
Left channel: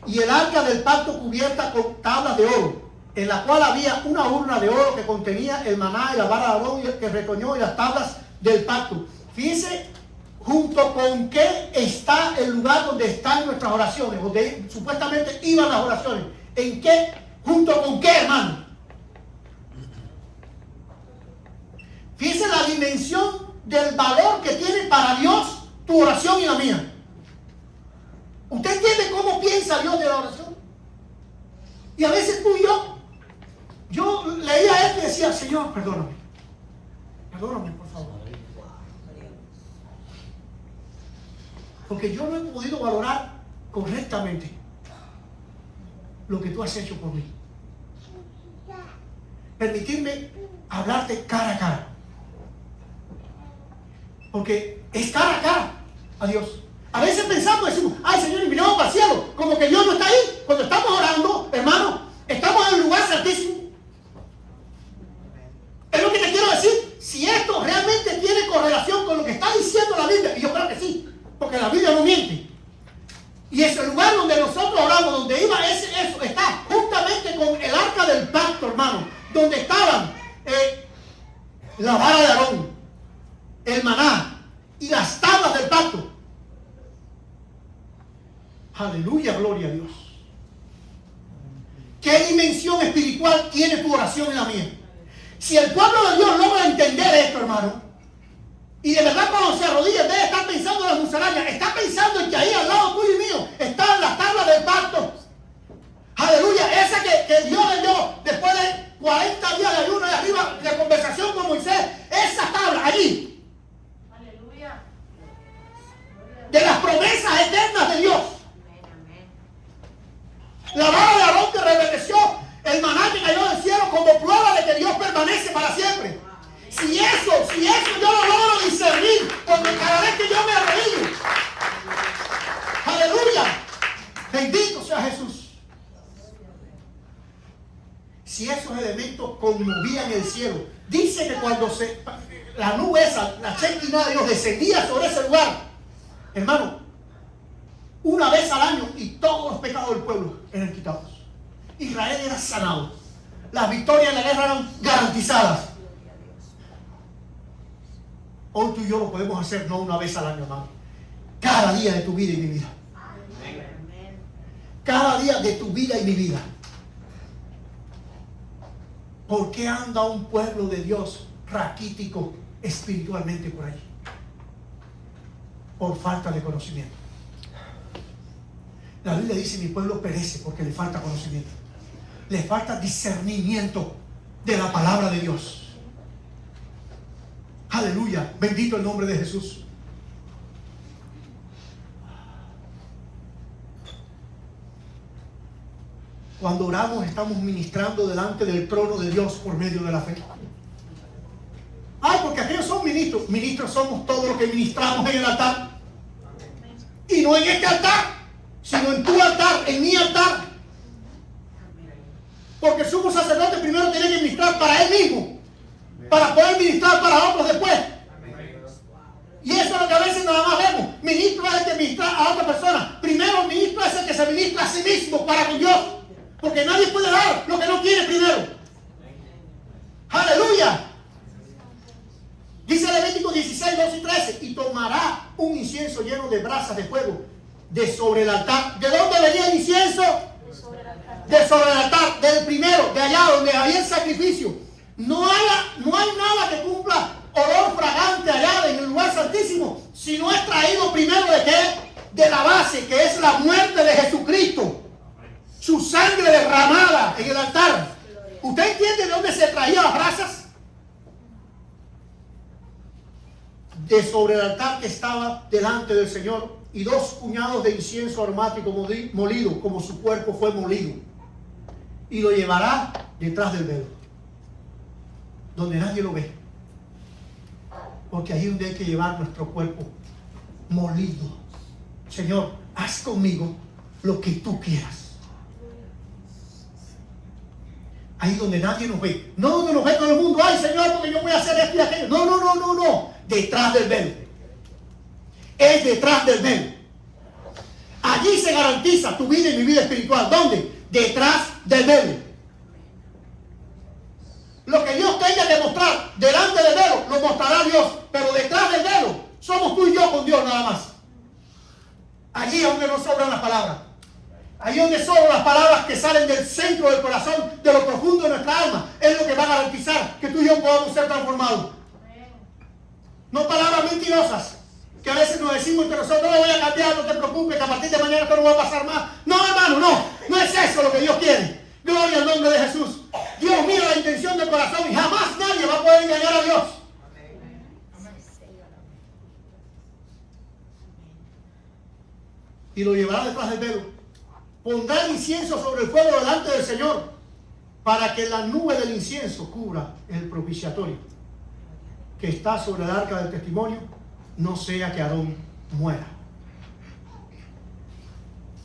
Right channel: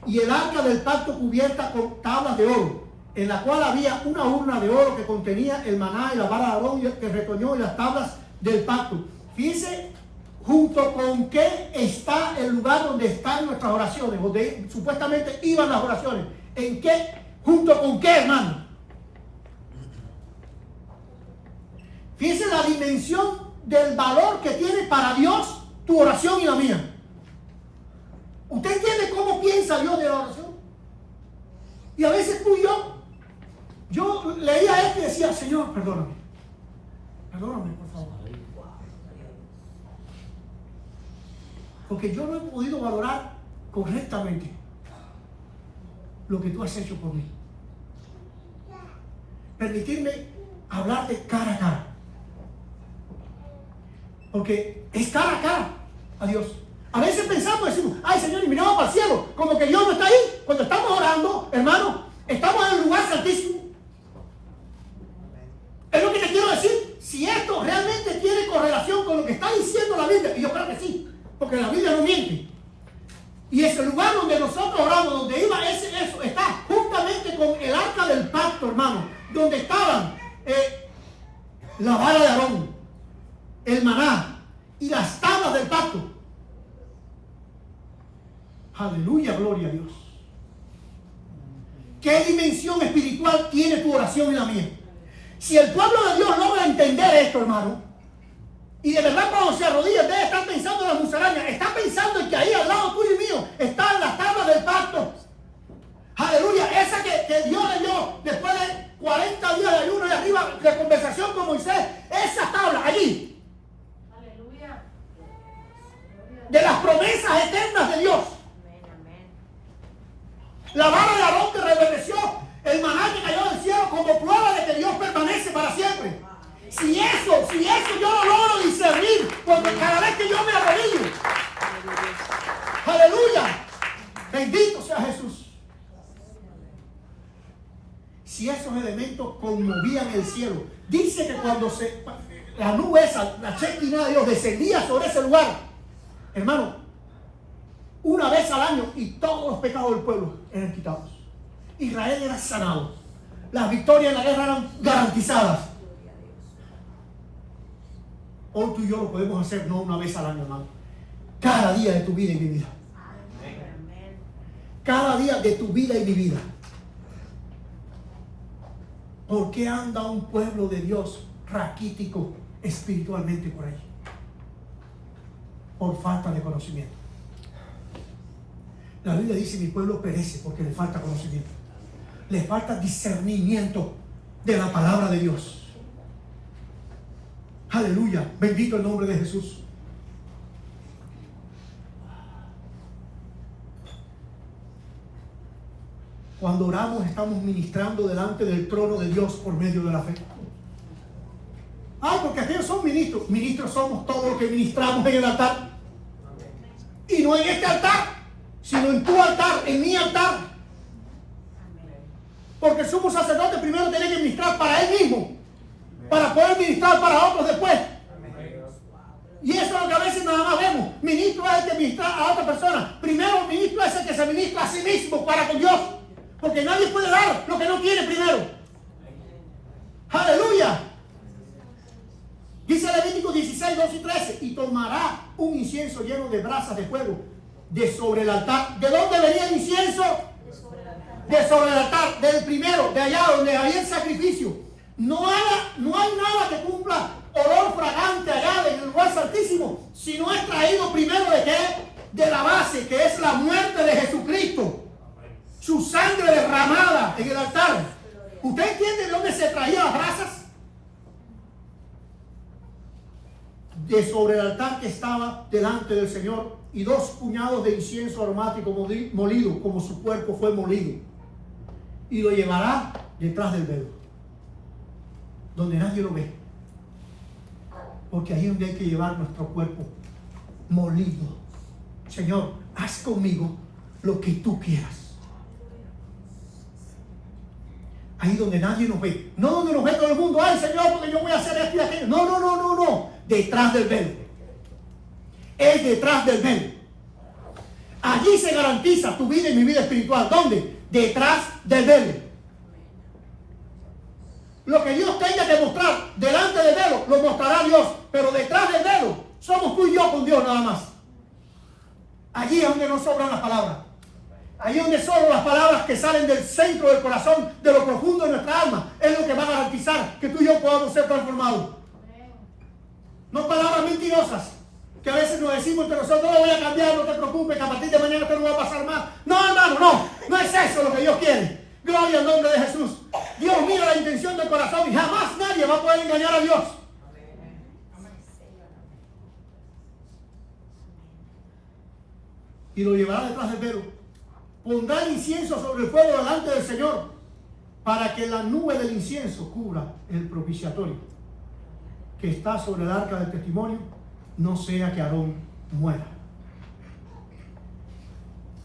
y el arca del pacto cubierta con tablas de oro, en la cual había una urna de oro que contenía el maná y la vara de Aarón que retoñó y las tablas del pacto. Fíjense junto con qué está el lugar donde están nuestras oraciones, donde supuestamente iban las oraciones. ¿En qué? ¿Junto con qué, hermano? Fíjense la dimensión del valor que tiene para Dios tu oración y la mía. ¿Usted entiende cómo piensa Dios de la oración? Y a veces tú y yo leía esto y decía, Señor, perdóname, por favor. Porque yo no he podido valorar correctamente lo que tú has hecho por mí. Permitirme hablarte cara a cara. Porque es cara a cara a Dios. A veces pensamos, decimos, ay Señor, y miramos para el cielo, como que Dios no está ahí. Cuando estamos orando, hermano, estamos en el lugar santísimo. Es lo que te quiero decir. Si esto realmente tiene correlación con lo que está diciendo la Biblia, y yo creo que sí, porque la Biblia no miente. Y ese lugar donde nosotros oramos, donde iba eso, está juntamente con el arca del pacto, hermano, donde estaban la vara de Aarón, el maná y las tablas del pacto. Aleluya, gloria a Dios. ¿Qué dimensión espiritual tiene tu oración y la mía? Si el pueblo de Dios logra entender esto, hermano, y de verdad cuando se arrodilla, en vez de estar pensando en las musarañas, está pensando en que ahí al lado tuyo y mío están las tablas del pacto. Aleluya, esa que Dios le dio después de 40 días de ayuno y arriba de conversación con Moisés, esa tabla allí. Aleluya. De las promesas eternas de Dios. La vara de Aarón que reverdeció, el maná que cayó del cielo como prueba de que Dios permanece para siempre. Si eso yo lo logro discernir, porque cada vez que yo me arrodillo, aleluya, bendito sea Jesús. Si esos elementos conmovían el cielo, dice que cuando la nube esa, la Shekinah de Dios descendía sobre ese lugar, hermano, una vez al año y todos los pecados del pueblo eran quitados. Israel era sanado. Las victorias en la guerra eran garantizadas. Hoy tú y yo lo podemos hacer no una vez al año, hermano. Cada día de tu vida y mi vida. Cada día de tu vida y mi vida. ¿Por qué anda un pueblo de Dios raquítico espiritualmente por ahí? Por falta de conocimiento. La Biblia dice: mi pueblo perece porque le falta conocimiento. Le falta discernimiento de la palabra de Dios. Aleluya, bendito el nombre de Jesús. Cuando oramos estamos ministrando delante del trono de Dios por medio de la fe. Ay, porque aquellos son ministros. Ministros somos todos los que ministramos en el altar. Y no en este altar, sino en tu altar, en mi altar. Porque el sumo sacerdote primero tiene que ministrar para él mismo, para poder ministrar para otros después. Y eso es lo que a veces nada más vemos. Ministro es el que ministra a otra persona. Primero el ministro es el que se ministra a sí mismo para con Dios. Porque nadie puede dar lo que no quiere primero. Aleluya. Dice Levítico 16, 12 y 13. Y tomará un incienso lleno de brasas de fuego de sobre el altar. ¿De dónde venía el incienso? De sobre el altar, del primero, de allá donde había el sacrificio. No hay nada que cumpla de sobre el altar que estaba delante del Señor, y 2 puñados de incienso aromático molido, como su cuerpo fue molido. Y lo llevará detrás del velo, donde nadie lo ve. Porque ahí es donde hay que llevar nuestro cuerpo molido. Señor, haz conmigo lo que tú quieras. Ahí donde nadie nos ve. No donde nos ve todo el mundo. Ay, Señor, porque yo voy a hacer esto y aquello. No, no, no, no, no. Detrás del velo. Es detrás del velo. Allí se garantiza tu vida y mi vida espiritual. ¿Dónde? Detrás del velo. Lo que Dios tenga que mostrar delante del velo, lo mostrará Dios. Pero detrás del velo, somos tú y yo con Dios nada más. Allí es donde no sobran las palabras. Allí donde solo las palabras que salen del centro del corazón, de lo profundo de nuestra alma, es lo que va a garantizar que tú y yo podamos ser transformados. No palabras mentirosas, que a veces nos decimos entre nosotros: no voy a cambiar, no te preocupes, que a partir de mañana esto no va a pasar más. No, hermano, no. No es eso lo que Dios quiere. Gloria al nombre de Jesús. Dios mira la intención del corazón y jamás nadie va a poder engañar a Dios. Y lo llevará detrás del velo. Pondrá el incienso sobre el fuego delante del Señor, para que la nube del incienso cubra el propiciatorio que está sobre el arca del testimonio, no sea que Aarón muera.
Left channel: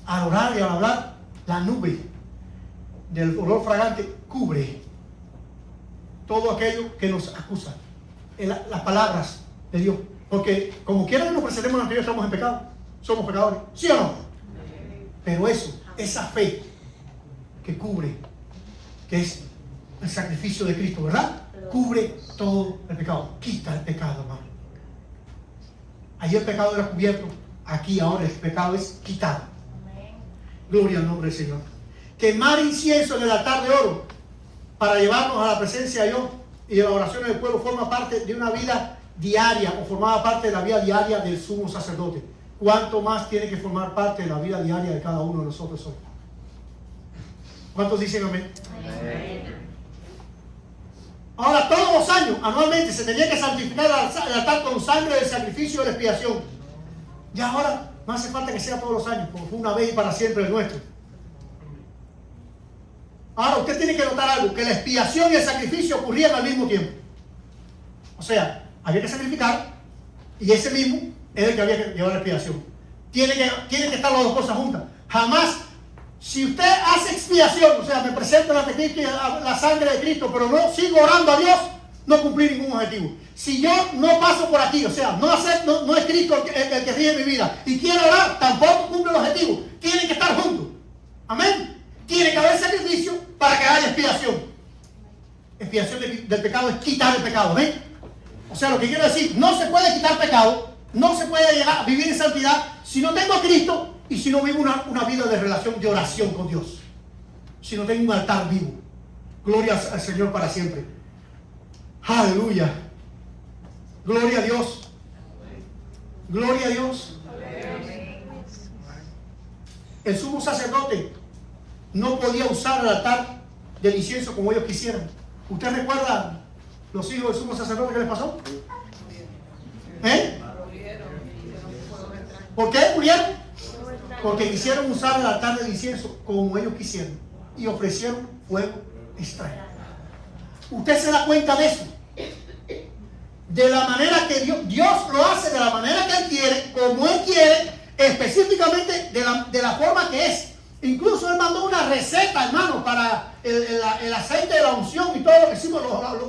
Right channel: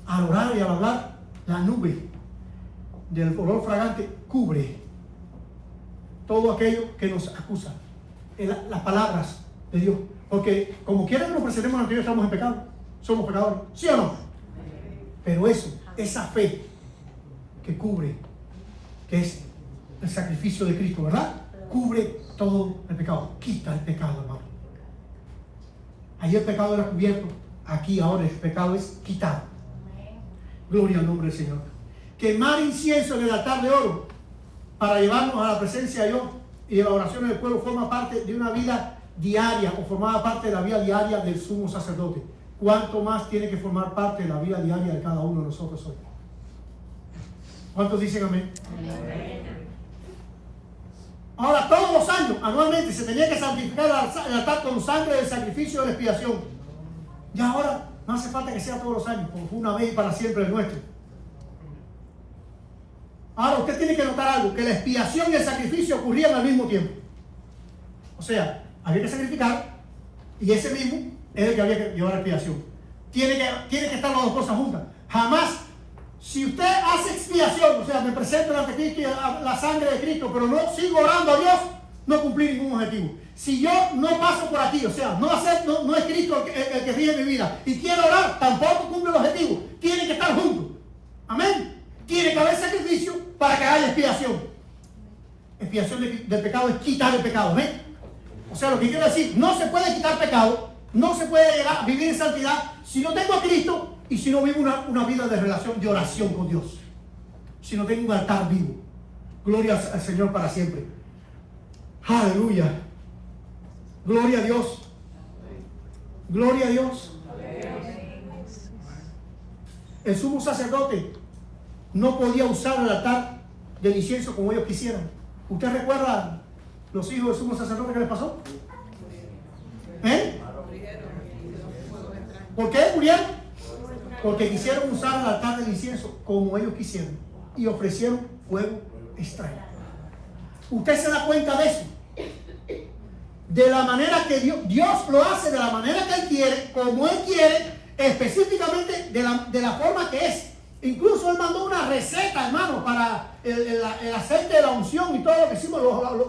Al orar y al hablar, la nube del olor fragante cubre todo aquello que nos acusa, las palabras de Dios. Porque como quiera que nos presentemos ante Dios, estamos en pecado, somos pecadores, ¿sí o no? Pero eso, esa fe que cubre, que es el sacrificio de Cristo, ¿verdad? Cubre todo el pecado, quita el pecado, hermano. Allí el pecado era cubierto, aquí ahora el pecado es quitado. Gloria al nombre del Señor. Quemar incienso en el altar de oro para llevarnos a la presencia de Dios y de la oración del pueblo forma parte de una vida diaria, o formaba parte de la vida diaria del sumo sacerdote. ¿Cuánto más tiene que formar parte de la vida diaria de cada uno de nosotros hoy? ¿Cuántos dicen amén? Amén. Ahora, todos los años, anualmente, se tenía que santificar el altar con sangre del sacrificio de la expiación. Y ahora no hace falta que sea todos los años, como fue una vez y para siempre el nuestro. Ahora, usted tiene que notar algo: que la expiación y el sacrificio ocurrían al mismo tiempo. O sea, había que sacrificar, y ese mismo es el que había que llevar la expiación. Tiene que estar las dos cosas juntas. Jamás, si usted hace expiación, o sea, me presento ante Cristo y la sangre de Cristo, pero no sigo orando a Dios, no cumplí ningún objetivo. Si yo no paso por aquí, o sea, no es Cristo el que rige mi vida, y quiero orar, tampoco cumple el objetivo. Tienen que estar juntos. Amén. Tiene que haber sacrificio para que haya expiación. Expiación del pecado es quitar el pecado. ¿Ven? O sea, lo que quiero decir, no se puede quitar pecado, no se puede llegar a vivir en santidad si no tengo a Cristo y si no vivo una vida de relación, de oración con Dios. Si no tengo un altar vivo. Gloria al Señor para siempre. Aleluya. Gloria a Dios. Gloria a Dios. El sumo sacerdote no podía usar el altar del incienso como ellos quisieran. ¿Usted recuerda los hijos del sumo sacerdote que les pasó? ¿Eh? ¿Por qué murieron? Porque quisieron usar el altar del incienso como ellos quisieron y ofrecieron fuego extraño. ¿Usted se da cuenta de eso? De la manera que Dios lo hace, de la manera que Él quiere, como Él quiere, específicamente de la forma que es. Incluso Él mandó una receta, hermano, para el aceite de la unción y todo lo que hicimos,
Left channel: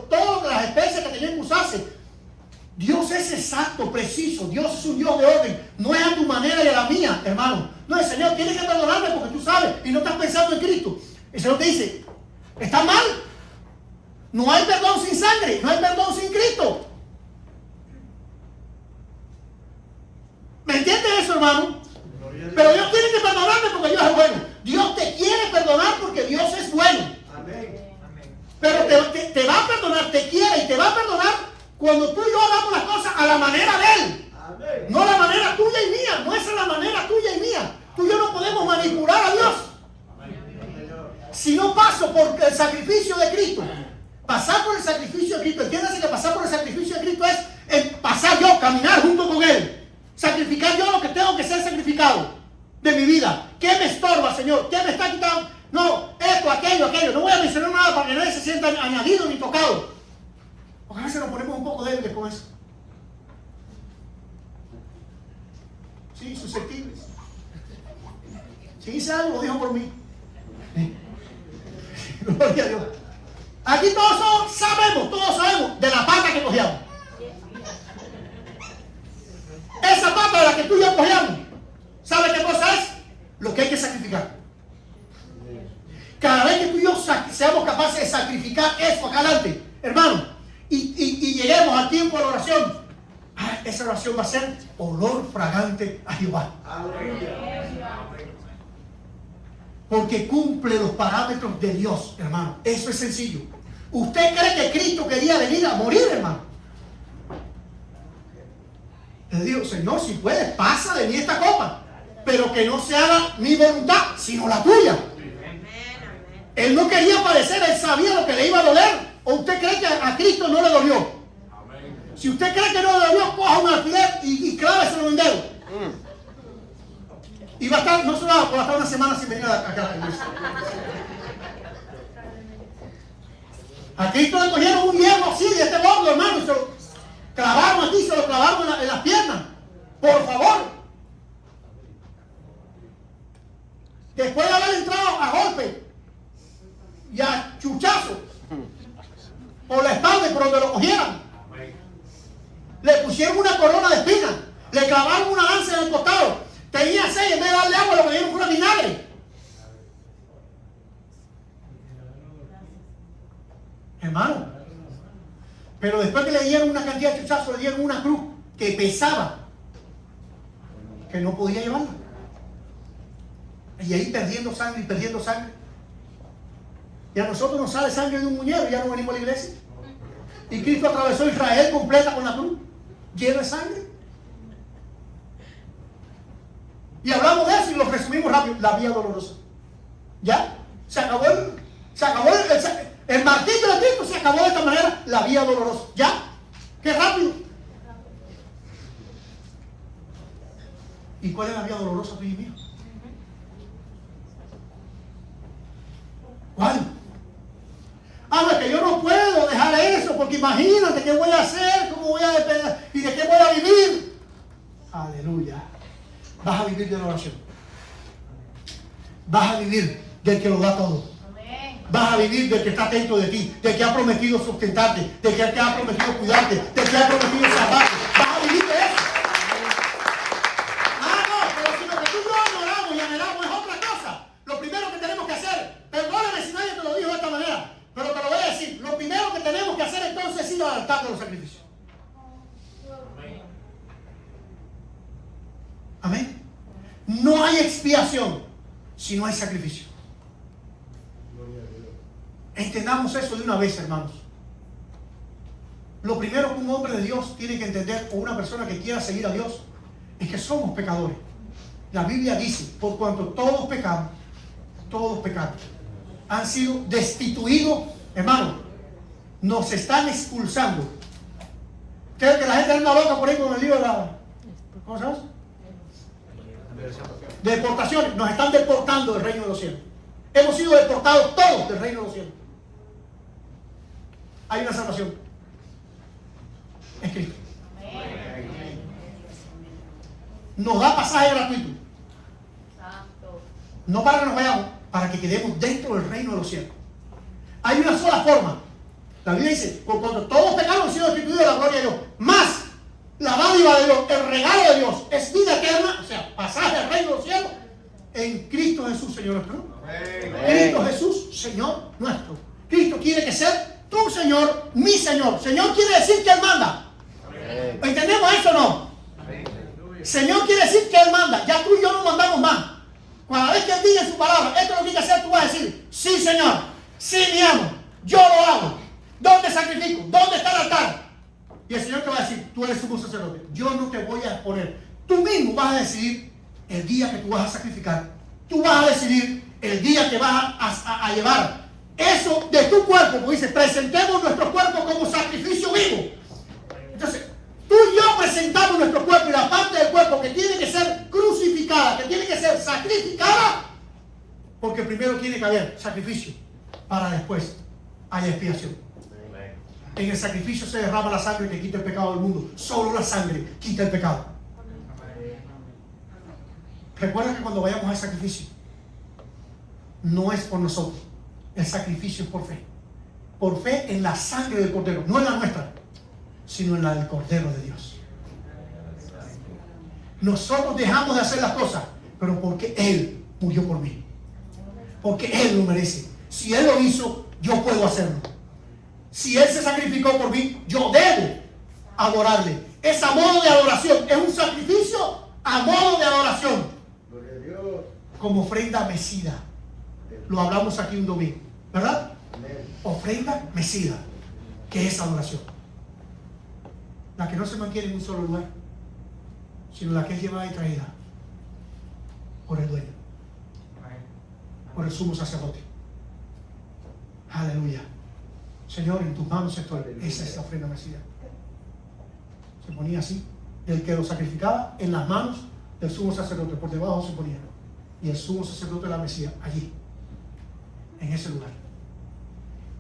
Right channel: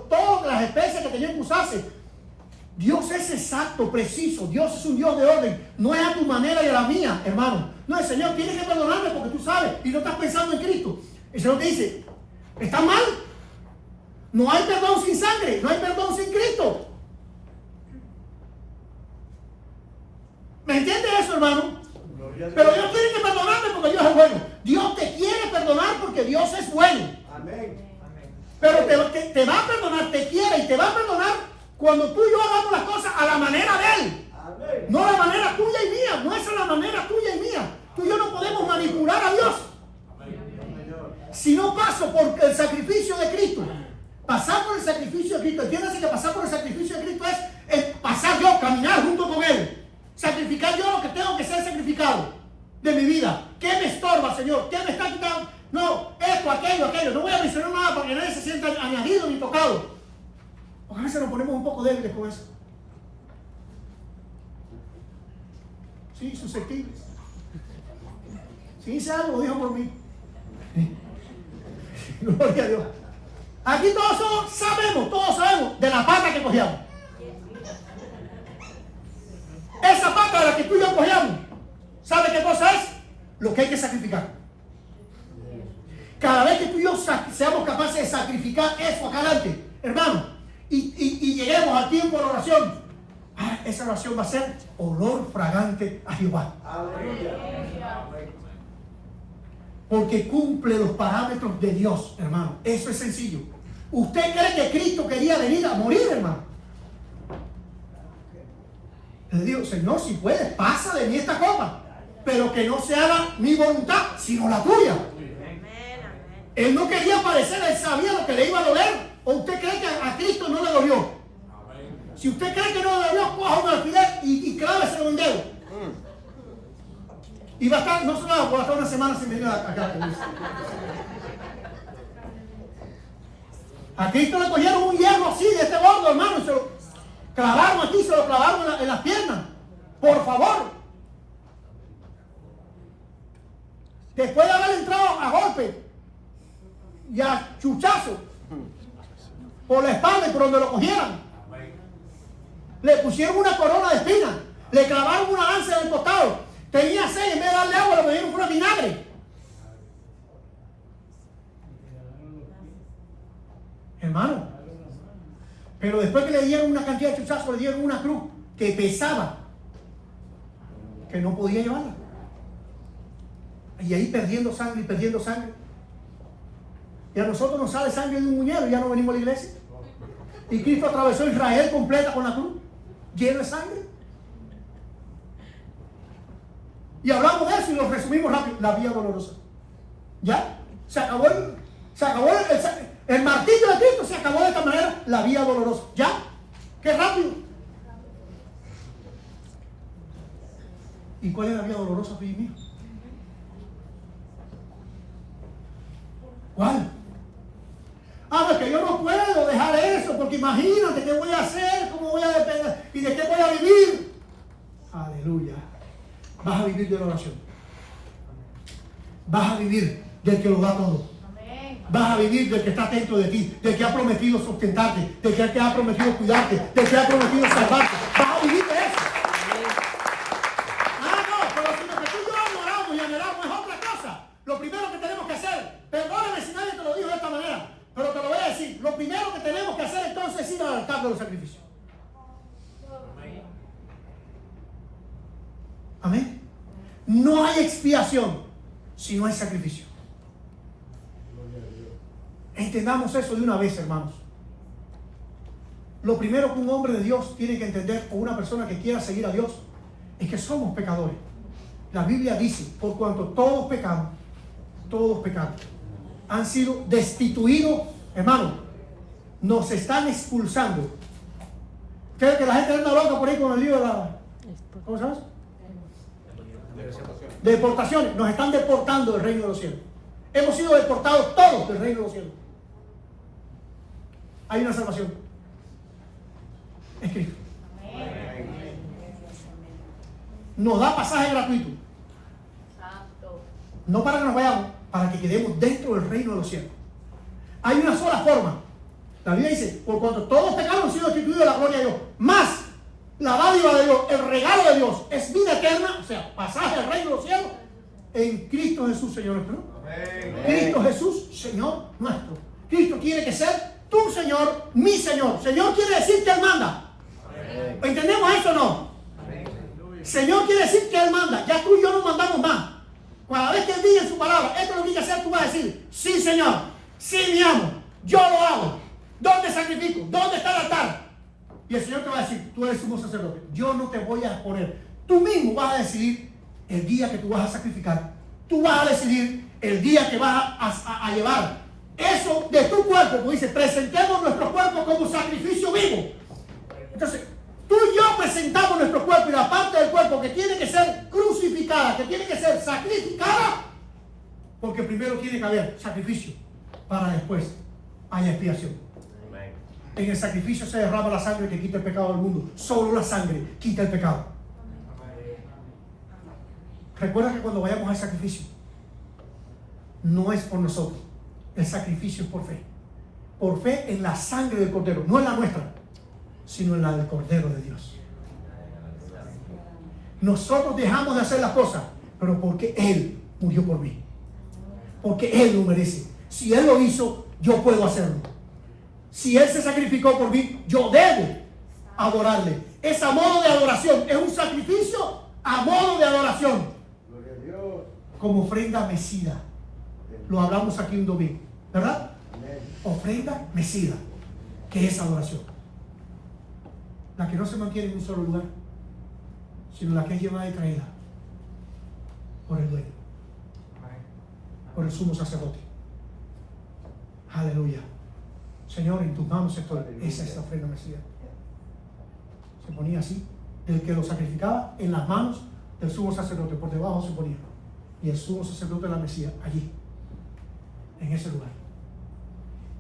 todas las especies que tenían que usarse. Dios es exacto, preciso. Dios es un Dios de orden. No es a tu manera y a la mía, hermano. No, el Señor tiene que perdonarme porque tú sabes y no estás pensando en Cristo. El Señor te dice: ¿está mal? No hay perdón sin sangre, no hay perdón sin Cristo. ¿Me entiendes eso, hermano? Pero Dios tiene que perdonarme porque Dios es bueno. Dios te quiere perdonar porque Dios es bueno. Amén. Pero te va a perdonar, te quiere y te va a perdonar cuando tú y yo hagamos las cosas a la manera de Él. Amén. No a la manera tuya y mía. No es a la manera tuya y mía. Tú y yo no podemos manipular a Dios. Si no paso por el sacrificio de Cristo, pasar por el sacrificio de Cristo, entiéndase que pasar por el sacrificio de Cristo es pasar yo, caminar junto con Él. Sacrificar yo lo que tengo que ser sacrificado de mi vida. ¿Qué me estorba, Señor? ¿Qué me está quitando? No, esto, aquello. No voy a mencionar nada para que nadie se sienta añadido ni tocado. Porque a veces nos ponemos un poco débiles con eso. Sí, susceptibles. Si dice algo, lo digan por mí. Gloria a Dios. Aquí todos sabemos de la pata que cogíamos. Esa pata de la que tú y yo cogíamos, ¿sabe qué cosa es? Lo que hay que sacrificar. Cada vez que tú y yo seamos capaces de sacrificar eso acá adelante, hermano, y lleguemos al tiempo de la oración, esa oración va a ser olor fragante a Jehová. Porque cumple los parámetros de Dios, hermano. Eso es sencillo. ¿Usted cree que Cristo quería venir a morir, hermano? Le digo, Señor, si puedes, pasa de mí esta copa, pero que no se haga mi voluntad, sino la tuya. Él no quería padecer, él sabía lo que le iba a doler. ¿O usted cree que a Cristo no le dolió? Si usted cree que no le dolió, coja un alfiler y cláveselo en un dedo. Y va a estar, no solo va a estar una semana sin venir acá a la iglesia. A Cristo le cogieron un hierro así, de este gordo, hermano, y se lo clavaron aquí, se lo clavaron en las piernas. Por favor. Después de haber entrado a golpe y a chuchazo por la espalda y por donde lo cogieran, le pusieron una corona de espinas, le clavaron una lanza en el costado, tenía sed, en vez de darle agua le pusieron con vinagre. Hermano, pero después que le dieron una cantidad de chuchazos, le dieron una cruz que pesaba, que no podía llevarla. Y ahí perdiendo sangre. Y a nosotros nos sale sangre de un muñero y ya no venimos a la iglesia. Y Cristo atravesó Israel completa con la cruz, llena de sangre. Y hablamos de eso y lo resumimos rápido. La vía dolorosa. ¿Ya? Se acabó el martillo de Cristo, se acabó de esta manera la vía dolorosa. ¿Ya? ¡Qué rápido! ¿Y cuál es la vía dolorosa, tú y mío? ¿Cuál? Es que yo no puedo dejar eso, porque imagínate qué voy a hacer, cómo voy a depender y de qué voy a vivir. Aleluya. Vas a vivir de la oración. Vas a vivir del que lo da todo. Vas a vivir del que está atento de ti, del que ha prometido sustentarte, del que te ha prometido cuidarte, del que ha prometido salvarte. Vas a vivir de eso. Pero si lo que tú y yo adoramos y anhelamos es otra cosa, lo primero que tenemos que hacer, perdóname si nadie te lo dijo de esta manera, pero te lo voy a decir, lo primero que tenemos que hacer entonces es ir al altar de los sacrificios. Amén. No hay expiación si no hay sacrificio. Entendamos eso de una vez, hermanos. Lo primero que un hombre de Dios tiene que entender, o una persona que quiera seguir a Dios, es que somos pecadores. La Biblia dice, por cuanto todos pecaron, han sido destituidos, hermano, nos están expulsando. ¿Creen que la gente anda loca por ahí con el lío de la... ¿Cómo se llama? Deportaciones. Nos están deportando del reino de los cielos. Hemos sido deportados todos del reino de los cielos. Hay una salvación. Es Cristo. Nos da pasaje gratuito. No para que nos vayamos, para que quedemos dentro del reino de los cielos. Hay una sola forma. La Biblia dice, por cuanto todos pecaron han sido destituidos de la gloria de Dios, más la dádiva de Dios, el regalo de Dios, es vida eterna, o sea, pasaje al reino de los cielos, en Cristo Jesús, Señor nuestro. Cristo Jesús, Señor nuestro. Cristo tiene que ser tu Señor, mi Señor. Señor quiere decir que Él manda. ¿Entendemos eso o no? Señor quiere decir que Él manda. Ya tú y yo no mandamos más. Cada vez que Él diga en su palabra, esto lo tiene que hacer, tú vas a decir, sí, Señor, sí, mi amo, yo lo hago. ¿Dónde sacrifico? ¿Dónde está el altar? Y el Señor te va a decir, tú eres sumo sacerdote, yo no te voy a poner. Tú mismo vas a decidir el día que tú vas a sacrificar. Tú vas a decidir el día que vas a llevar eso de tu cuerpo. Como dice, presentemos nuestro cuerpo como sacrificio vivo. Entonces, tú y yo presentamos presentamos nuestro cuerpo y la parte del cuerpo que tiene que ser crucificada, que tiene que ser sacrificada, porque primero tiene que haber sacrificio para después haya expiación. En el sacrificio se derrama la sangre que quita el pecado del mundo. Solo la sangre quita el pecado. Recuerda que cuando vayamos al sacrificio, no es por nosotros. El sacrificio es por fe. Por fe en la sangre del Cordero. No en la nuestra, sino en la del Cordero de Dios. Nosotros dejamos de hacer las cosas, pero porque Él murió por mí. Porque Él lo merece. Si Él lo hizo, yo puedo hacerlo. Si Él se sacrificó por mí, yo debo adorarle. Es a modo de adoración. Es un sacrificio a modo de adoración. Como ofrenda mecida. Lo hablamos aquí un domingo, ¿verdad? Ofrenda mecida, que es adoración. La que no se mantiene en un solo lugar, sino la que es llevada y traída por el dueño, por el sumo sacerdote. Aleluya. Señor, en tus manos estoy. Esa es la ofrenda mecida. Se ponía así, del que lo sacrificaba, en las manos del sumo sacerdote, por debajo se ponía. Y el sumo sacerdote la mecía allí, en ese lugar.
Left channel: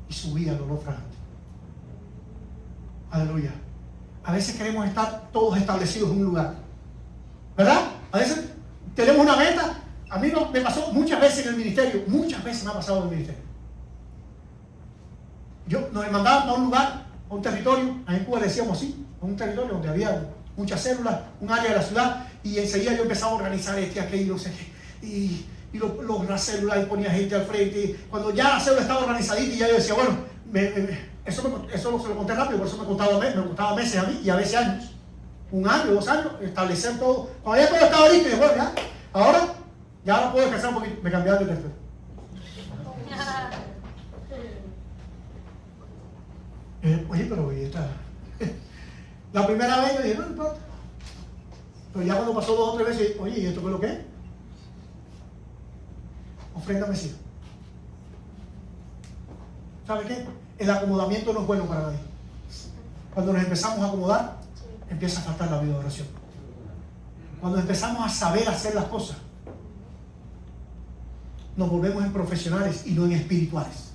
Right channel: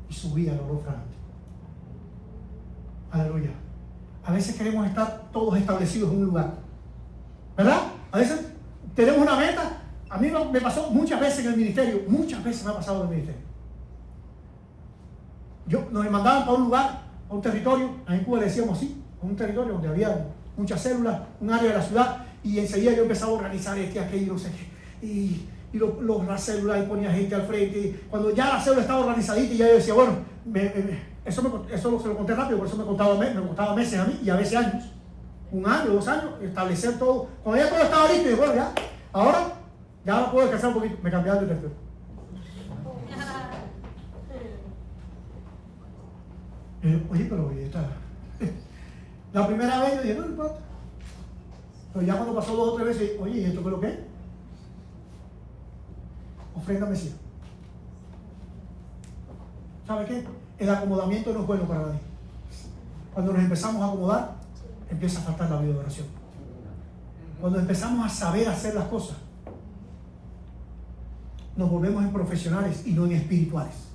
Y subía al olor fragante. Aleluya. A veces queremos estar todos establecidos en un lugar, ¿verdad? A veces tenemos una meta. A mí me pasó muchas veces en el ministerio. Muchas veces me ha pasado en el ministerio. Nos mandaban para un lugar, a un territorio. En Cuba le decíamos así, a un territorio donde había muchas células, un área de la ciudad. Y enseguida yo empezaba a organizar aquello, no sé qué. Y las células, y ponía gente al frente. Y cuando ya la célula estaba organizadita, y ya yo decía, bueno, eso se lo conté rápido, por eso me costaba meses a mí y a veces años. 1 año, 2 años, establecer todo. Cuando ya todo estaba listo, y dije, bueno, ya, ahora puedo descansar un poquito. Me cambiaron de tercero. Oye, pero la primera vez dije, no importa. Pero ya cuando pasó 2 o 3 veces, oye, ¿y esto qué es lo que es? Ofrenda mecida. ¿Sabe qué? El acomodamiento no es bueno para nadie. Cuando nos empezamos a acomodar, empieza a faltar la vida de oración. Cuando empezamos a saber hacer las cosas, nos volvemos en profesionales y no en espirituales.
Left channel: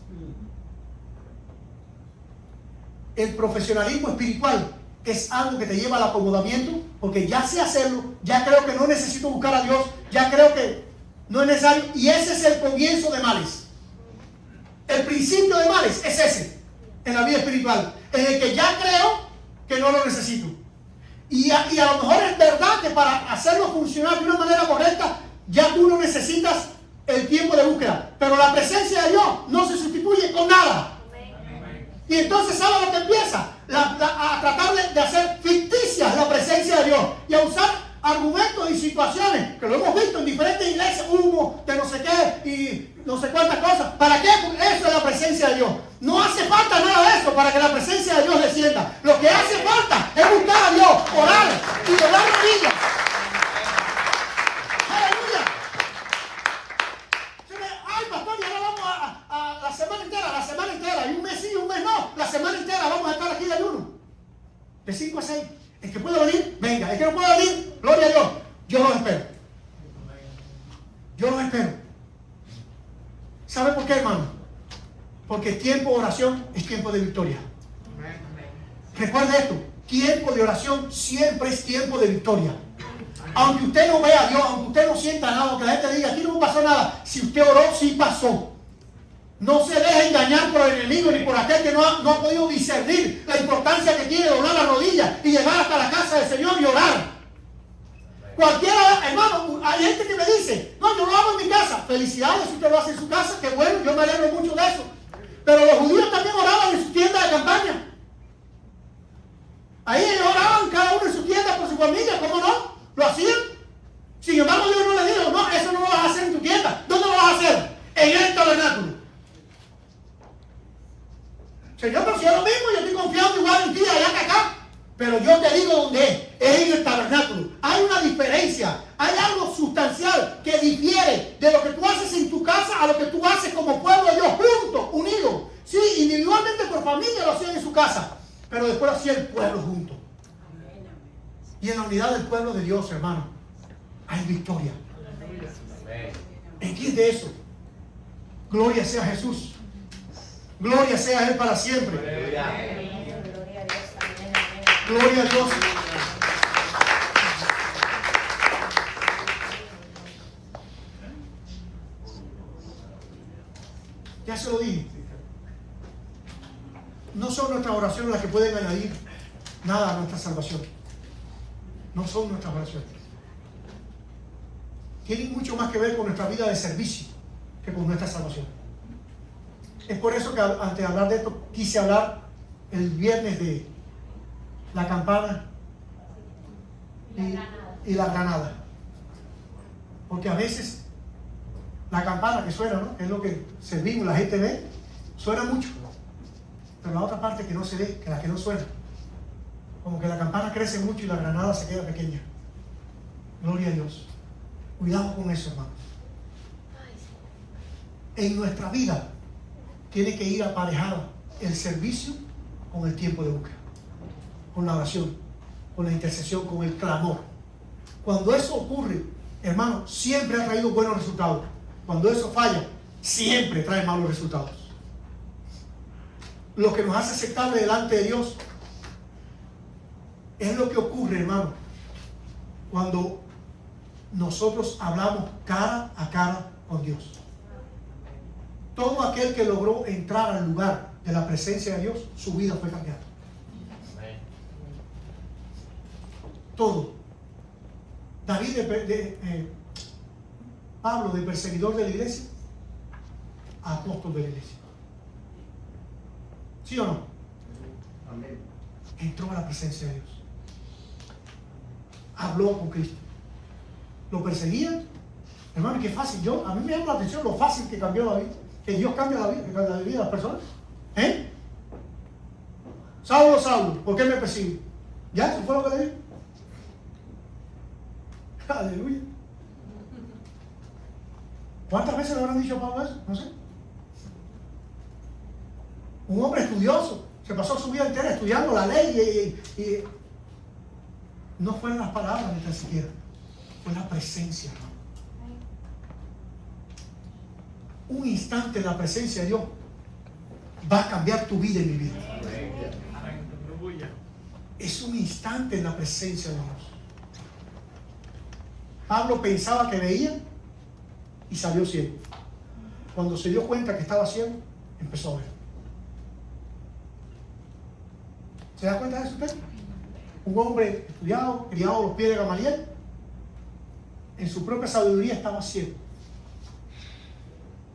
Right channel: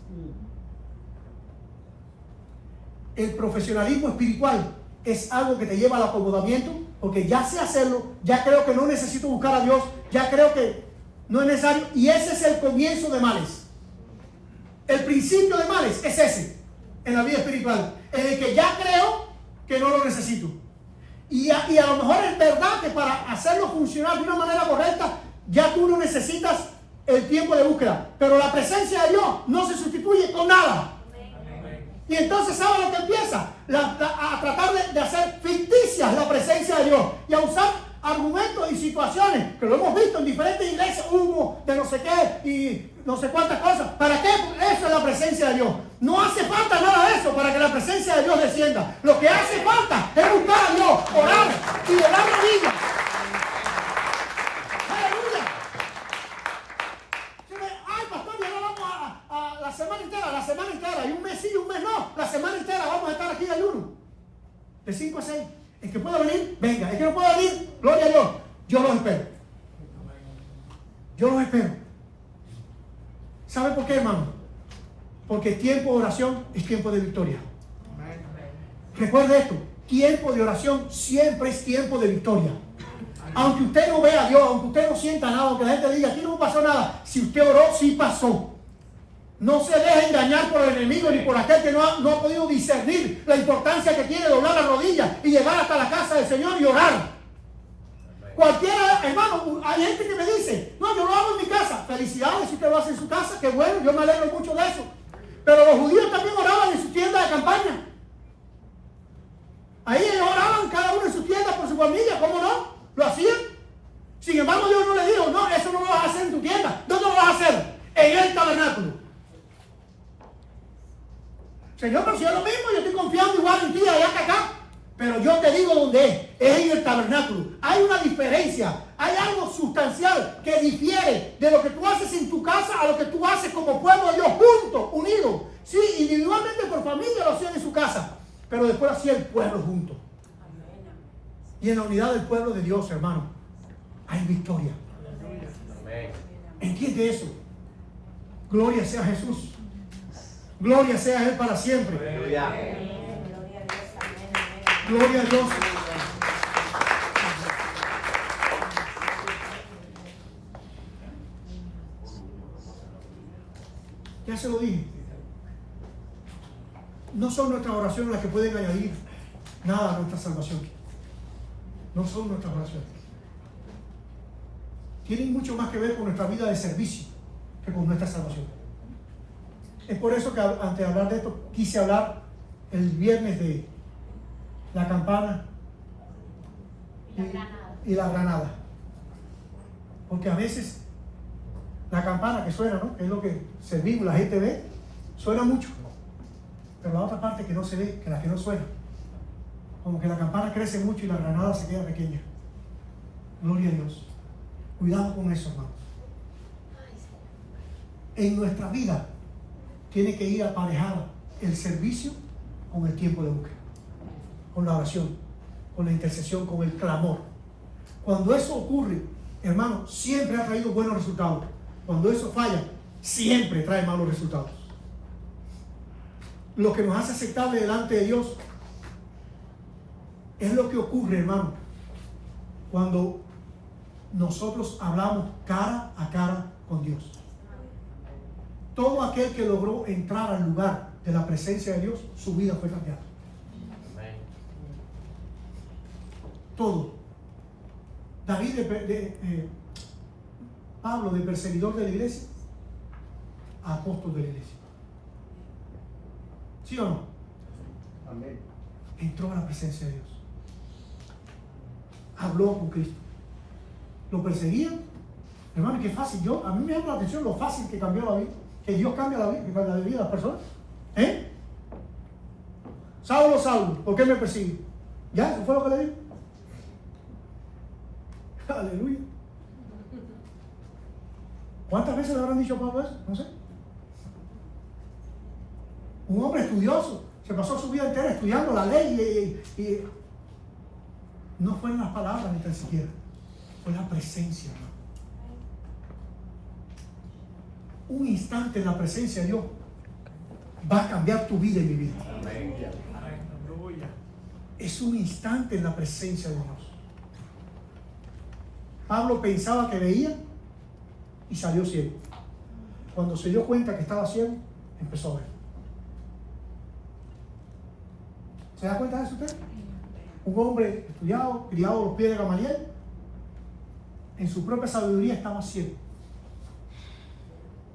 El profesionalismo espiritual es algo que te lleva al acomodamiento, porque ya sé hacerlo, ya creo que no necesito buscar a Dios, ya creo que no es necesario, y ese es el comienzo de males. El principio de males es ese, en la vida espiritual, en el que ya creo que no lo necesito. Y a lo mejor es verdad que para hacerlo funcionar de una manera correcta, ya tú no necesitas el tiempo de búsqueda, pero la presencia de Dios no se sustituye con nada. Y entonces, ¿sabe lo que empieza? A tratar de hacer ficticias la presencia de Dios y a usar argumentos y situaciones que lo hemos visto en diferentes iglesias, humo de no sé qué y no sé cuántas cosas. ¿Para qué? Eso es la presencia de Dios. No hace falta nada de eso para que la presencia de Dios descienda. Lo que hace falta es buscar a Dios, orar y orar rodillas. ¡Aleluya! Ay, pastor, y ahora vamos a la semana entera, y un mes sí, un mes no. La semana entera vamos a estar aquí de ayuno. De 5 a 6. El que pueda venir, venga. El que no pueda venir, gloria a Dios. Yo los espero. Yo los espero. ¿Sabe por qué, hermano? Porque tiempo de oración es tiempo de victoria. Recuerde esto. Tiempo de oración siempre es tiempo de victoria. Aunque usted no vea a Dios, aunque usted no sienta nada, aunque la gente diga, aquí no me pasó nada. Si usted oró, sí pasó. No se deje engañar por el enemigo ni por aquel que no ha podido discernir la importancia que tiene doblar las rodillas y llegar hasta la casa del Señor y orar. Cualquiera, hermano, hay gente que me dice, no, yo lo hago en mi casa. Felicidades si usted lo hace en su casa, qué bueno, yo me alegro mucho de eso. Pero los judíos también oraban en su tienda de campaña. Ahí oraban cada uno en su tienda por su familia, ¿cómo no? Lo hacían. Sin embargo, Dios no le dijo, no, eso no lo vas a hacer en tu tienda. ¿Dónde lo vas a hacer? En el tabernáculo. Señor, pero si es lo mismo, yo estoy confiando igual en ti allá que acá. Pero yo te digo dónde es en el tabernáculo. Hay una diferencia, hay algo sustancial que difiere de lo que tú haces en tu casa a lo que tú haces como pueblo de Dios, juntos, unidos. Sí, individualmente tu familia lo hacía en su casa, pero después hacía el pueblo junto. y en la unidad del pueblo de Dios, hermano, hay victoria. ¿Entiende eso? Gloria sea a Jesús. Gloria sea a Él para siempre. Gloria a Dios. Ya se lo dije. No son nuestras oraciones las que pueden añadir nada a nuestra salvación. No son nuestras oraciones. Tienen mucho más que ver con nuestra vida de servicio que con nuestra salvación. Es por eso que antes de hablar de esto quise hablar el viernes de la campana y la granada. Porque a veces la campana que suena, ¿no?, que es lo que servimos, la gente ve, suena mucho. Pero la otra parte que no se ve, que la que no suena, como que la campana crece mucho y la granada se queda pequeña. Gloria a Dios. Cuidado con eso, hermanos. En nuestra vida tiene que ir aparejado el servicio con el tiempo de búsqueda, con la oración, con la intercesión, con el clamor. Cuando eso ocurre, hermano, siempre ha traído buenos resultados. Cuando eso falla, siempre trae malos resultados. Lo que nos hace aceptable delante de Dios es lo que ocurre, hermano, cuando nosotros hablamos cara a cara con Dios. Todo aquel que logró entrar al lugar de la presencia de Dios, su vida fue cambiada. Todo. David, Pablo, de perseguidor de la iglesia, a apóstol de la iglesia. ¿Sí o no? Amén. Entró a la presencia de Dios. Habló con Cristo. Lo perseguían. Hermano, qué fácil. A mí me llama la atención lo fácil que cambió la vida. Que Dios cambia la vida de las personas. Saulo, Saulo, ¿por qué me persigue? ¿Ya? ¿Eso fue lo que le dijo? Aleluya. ¿Cuántas veces le habrán dicho a Pablo eso? No sé. Un hombre estudioso, que pasó su vida entera estudiando la ley y no fueron las palabras ni tan siquiera, fue la presencia, ¿no? Un instante en la presencia de Dios va a cambiar tu vida y mi vida. Es un instante en la presencia de Dios. Pablo pensaba que veía y salió ciego. Cuando se dio cuenta que estaba ciego, empezó a ver. ¿Se da cuenta de eso usted? Un hombre estudiado, criado a los pies de Gamaliel, en su propia sabiduría estaba ciego.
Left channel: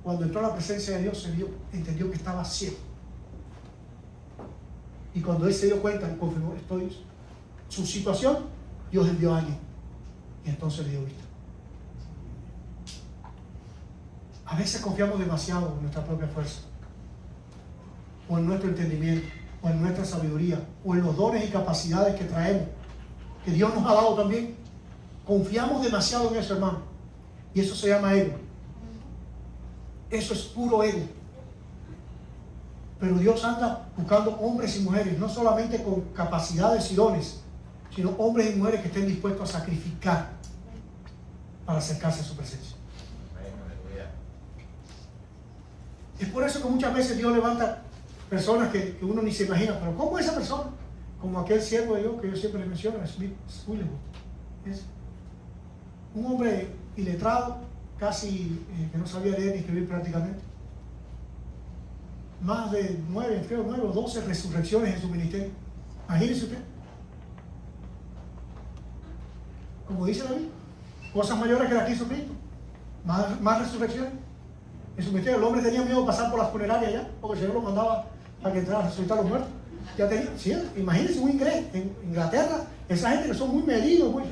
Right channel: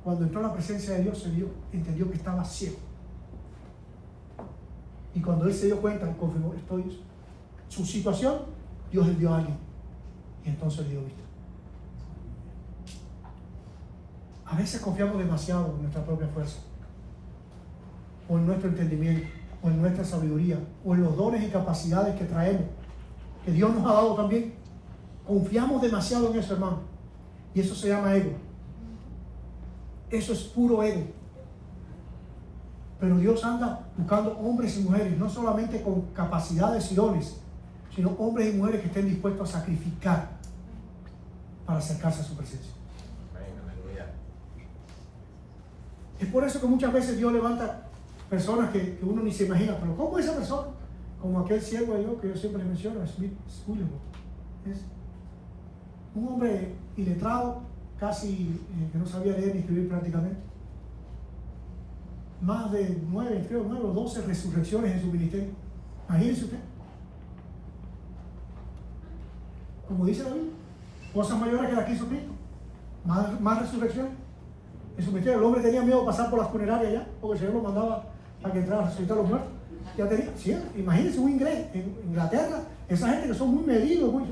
Cuando entró a la presencia de Dios, entendió que estaba ciego. Y cuando él se dio cuenta, él confirmó su situación, Dios le dio a alguien. Y entonces le dio vista. A veces confiamos demasiado en nuestra propia fuerza, o en nuestro entendimiento, o en nuestra sabiduría, o en los dones y capacidades que traemos, que Dios nos ha dado también. Confiamos demasiado en eso, hermano. Y eso se llama ego. Eso es puro ego. Pero Dios anda buscando hombres y mujeres, no solamente con capacidades y dones, sino hombres y mujeres que estén dispuestos a sacrificar para acercarse a su presencia. Es por eso que muchas veces Dios levanta personas que uno ni se imagina. Pero ¿cómo es esa persona? Como aquel siervo de Dios que yo siempre le menciono, Smith Wigglesworth. Es un hombre iletrado, casi que no sabía leer ni escribir prácticamente. Más de 9 o 12 resurrecciones en su ministerio. Imagínese usted. Como dice la Biblia, cosas mayores que la que hizo Cristo. Más resurrecciones. En su ministerio el hombre tenía miedo de pasar por las funerarias ya, porque el Señor lo mandaba a que entrara a resucitar a los muertos. Ya tenía, sí, imagínense un inglés en Inglaterra, esa gente que son muy medidos,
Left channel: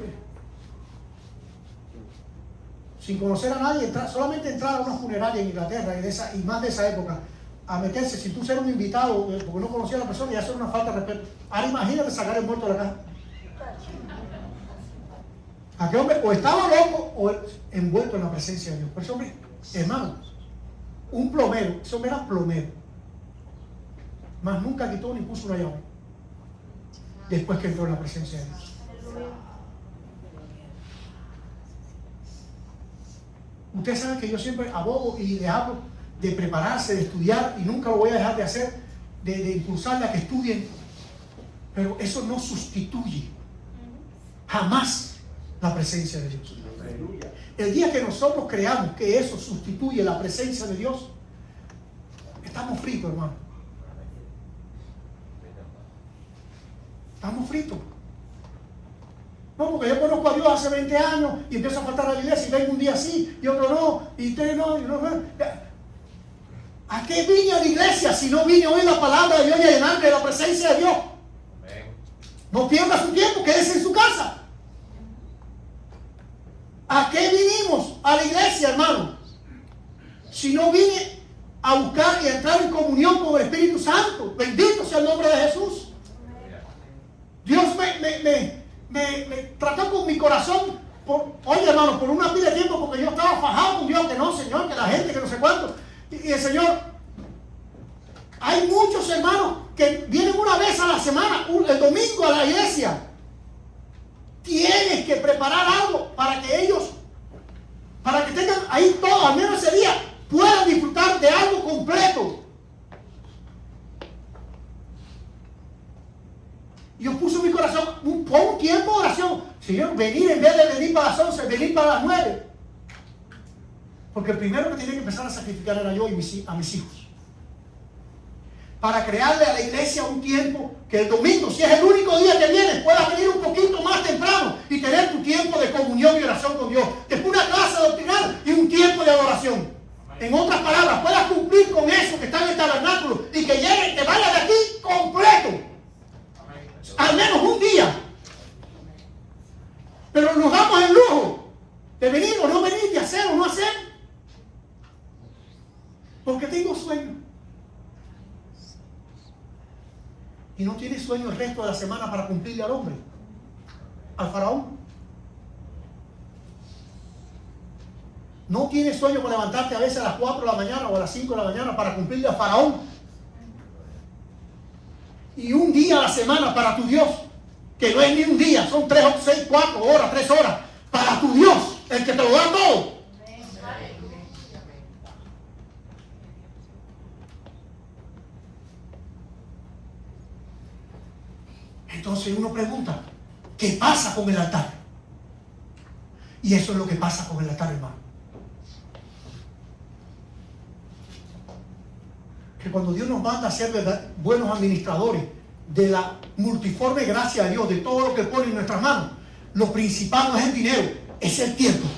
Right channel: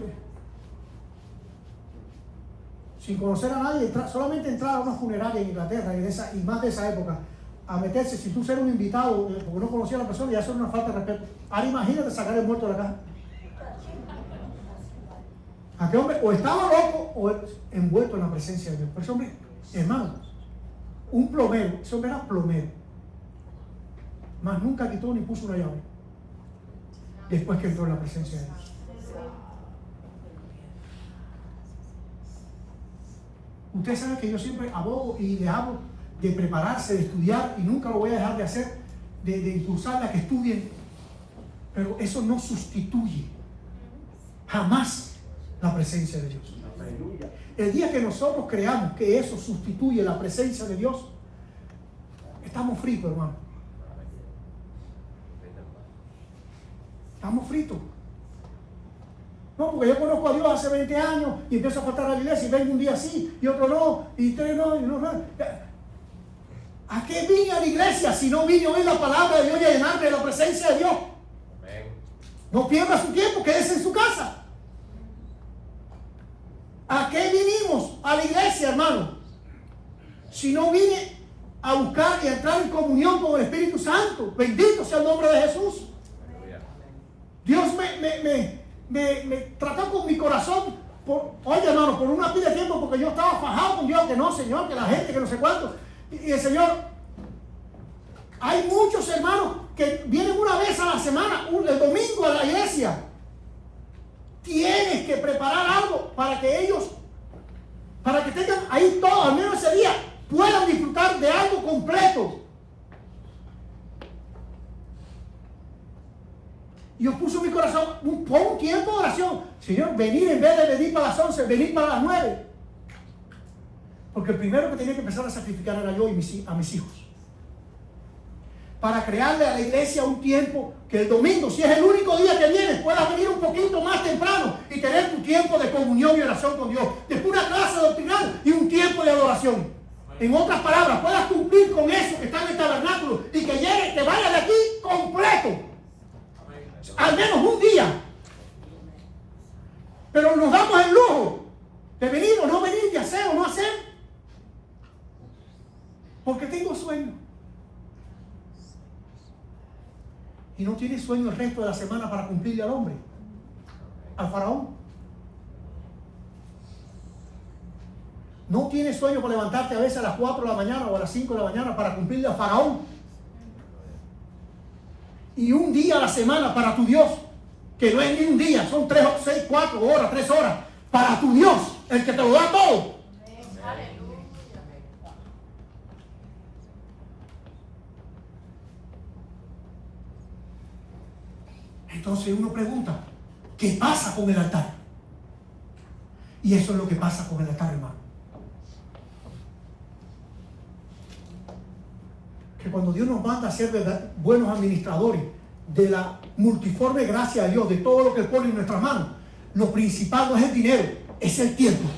sin conocer a nadie, solamente entrar a una funeraria en Inglaterra y más de esa época, a meterse, si tú eres un invitado, porque no conocía a la persona, ya eso es una falta de respeto. Ahora imagínate sacar el muerto de la casa. Aquel hombre o estaba loco o envuelto en la presencia de Dios. Por eso, hombre, hermano, un plomero, ese hombre era plomero, mas nunca quitó ni puso una llave después que entró en la presencia de Dios. Ustedes saben que yo siempre abogo y les hablo de prepararse, de estudiar, y nunca lo voy a dejar de hacer, de impulsarla a que estudien. Pero eso no sustituye jamás la presencia de Dios. El día que nosotros creamos que eso sustituye la presencia de Dios, estamos fritos, hermano. Estamos fritos. No, porque yo conozco a Dios hace 20 años y empiezo a faltar a la iglesia y vengo un día sí y otro no, y tres no, y no. ¿A qué vine a la iglesia si no vine a oír la palabra de Dios y a llenarme de la presencia de Dios? No pierda su tiempo, quédese en su casa. ¿A qué vinimos a la iglesia, hermano? Si no vine a buscar y a entrar en comunión con el Espíritu Santo. Bendito sea el nombre de Jesús. Dios me trató con mi corazón, oye, hermano, por una pila de tiempo, porque yo estaba fajado con Dios, que no, Señor, que la gente, que no sé cuánto. Y el Señor, hay muchos hermanos que vienen una vez a la semana, el domingo a la iglesia. Tienes que preparar algo para que ellos, para que tengan ahí todo, al menos ese día, puedan disfrutar de algo completo. Dios puso en mi corazón un tiempo de oración. Señor, venir en vez de venir para las 11, venir para las 9. Porque el primero que tenía que empezar a sacrificar era yo y a mis hijos. Para crearle a la iglesia un tiempo que el domingo, si es el único día que vienes, puedas venir un poquito más temprano y tener tu tiempo de comunión y oración con Dios. Después una clase doctrinal y un tiempo de adoración. En otras palabras, puedas cumplir con eso que está en el tabernáculo y que llegue, que vaya de aquí completo. Al menos un día. Pero nos damos el lujo de venir o no venir, de hacer o no hacer, porque tengo sueño. Y no tiene sueño el resto de la semana para cumplirle al hombre, al faraón. No tiene sueño para levantarte a veces a las 4 de la mañana o a las 5 de la mañana para cumplirle al faraón. Y un día a la semana para tu Dios, que no es ni un día, son 3, 6, 4 horas, 3 horas, para tu Dios, el que te lo da todo. Entonces uno pregunta, ¿qué pasa con el altar? Y eso es lo que pasa con el altar, hermano. Que cuando Dios nos manda a ser buenos administradores de la multiforme gracia de Dios, de todo lo que pone en nuestras manos, lo principal no es el dinero, es el tiempo.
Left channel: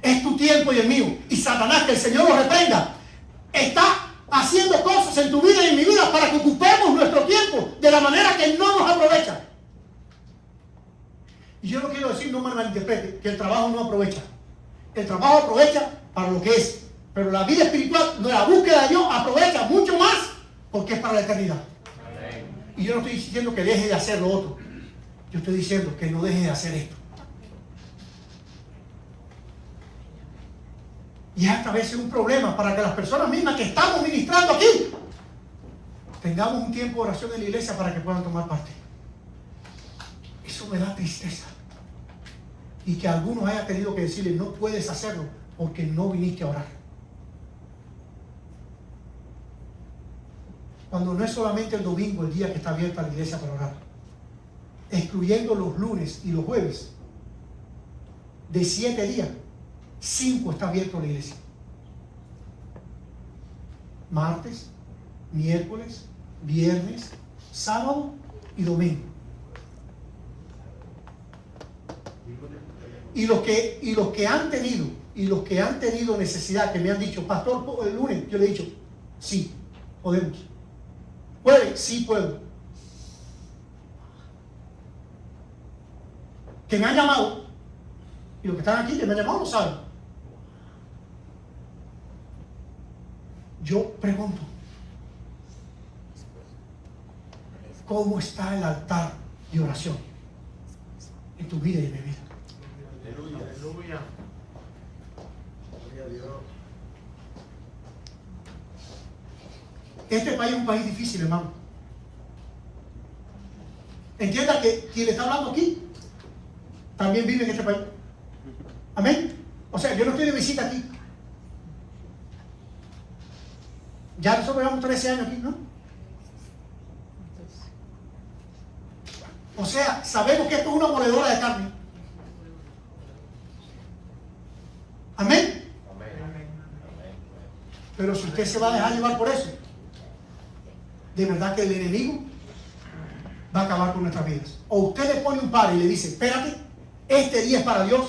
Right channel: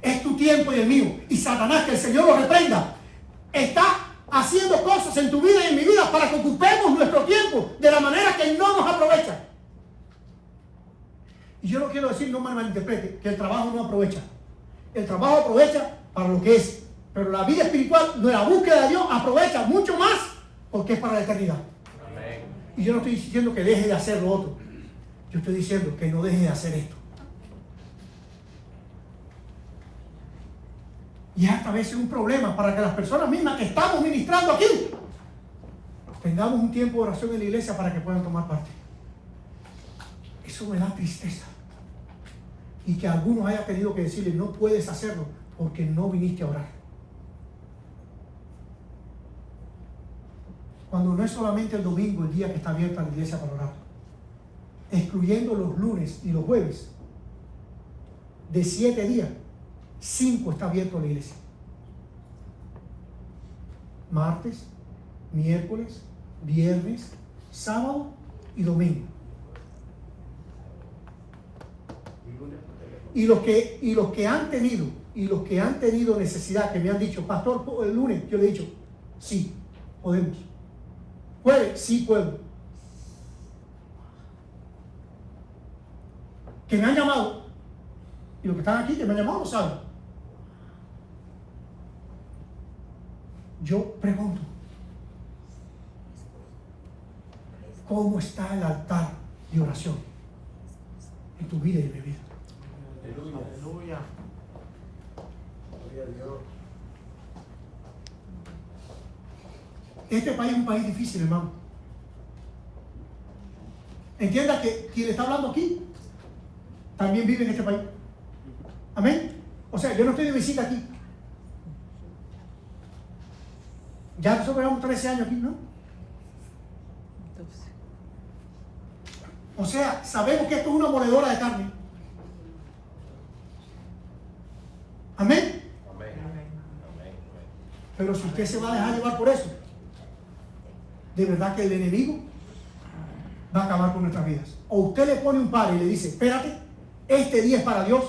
Es tu tiempo y el mío. Y Satanás, que el Señor lo reprenda, está haciendo cosas en tu vida y en mi vida para que ocupemos nuestro tiempo de la manera que no nos aprovecha. Y yo no quiero decir, no me malinterprete, que el trabajo no aprovecha. El trabajo aprovecha para lo que es, pero la vida espiritual, la búsqueda de Dios, aprovecha mucho más porque es para la eternidad. Amén. Y yo no estoy diciendo que deje de hacer lo otro, yo estoy diciendo que no deje de hacer esto. Y esta vez es un problema para que las personas mismas que estamos ministrando aquí tengamos un tiempo de oración en la iglesia para que puedan tomar parte. Eso me da tristeza. Y que algunos hayan tenido que decirle, no puedes hacerlo porque no viniste a orar. Cuando no es solamente el domingo el día que está abierta la iglesia para orar, excluyendo los lunes y los jueves, de 7 días, 5 está abierto la iglesia. Martes, miércoles, viernes, sábado y domingo. Y los que han tenido necesidad, que me han dicho, pastor, el lunes, yo le he dicho, sí, podemos. ¿Puede? Sí, puedo. Que me han llamado, y los que están aquí, que me han llamado, lo saben. Yo pregunto, ¿cómo está el altar de oración en tu vida y en mi vida? Aleluya. Este país es un país difícil, hermano. entienda que quien le está hablando aquí también vive en este país. Amén. O sea, yo no estoy de visita aquí. Ya nosotros llevamos 13 años aquí, ¿no? O sea, sabemos que esto es una moledora de carne. Amén. Pero si usted se va a dejar llevar por eso, de verdad que el enemigo va a acabar con nuestras vidas. O usted le pone un par y le dice, espérate, este día es para Dios,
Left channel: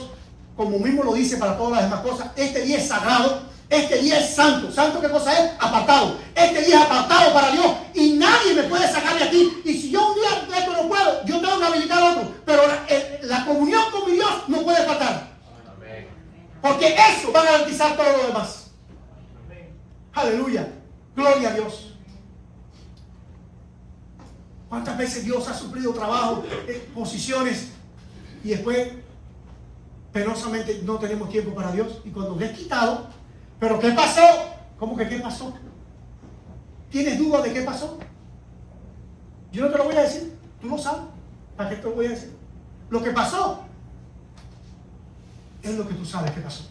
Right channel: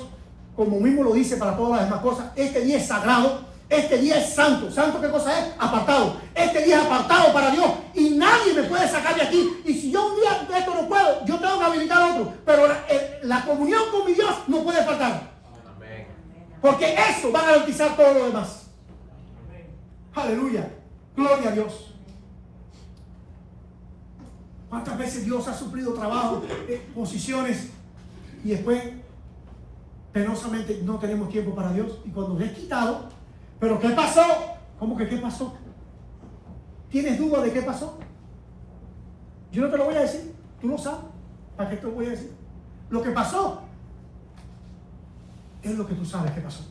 como mismo lo dice para todas las demás cosas. Este día es sagrado, este día es santo. ¿Santo qué cosa es? Apartado. Este día es apartado para Dios y nadie me puede sacar de aquí. Y si yo un día de esto no puedo, yo tengo que habilitar a otro. Pero la comunión con mi Dios no puede faltar. Porque eso va a garantizar todo lo demás. Aleluya. Gloria a Dios. ¿Cuántas veces Dios ha suplido trabajo, posiciones, y después penosamente no tenemos tiempo para Dios? Y cuando nos es quitado, ¿pero qué pasó? ¿Cómo que qué pasó? ¿Tienes duda de qué pasó? Yo no te lo voy a decir, tú lo sabes. ¿Para qué te lo voy a decir? Lo que pasó es lo que tú sabes que pasó.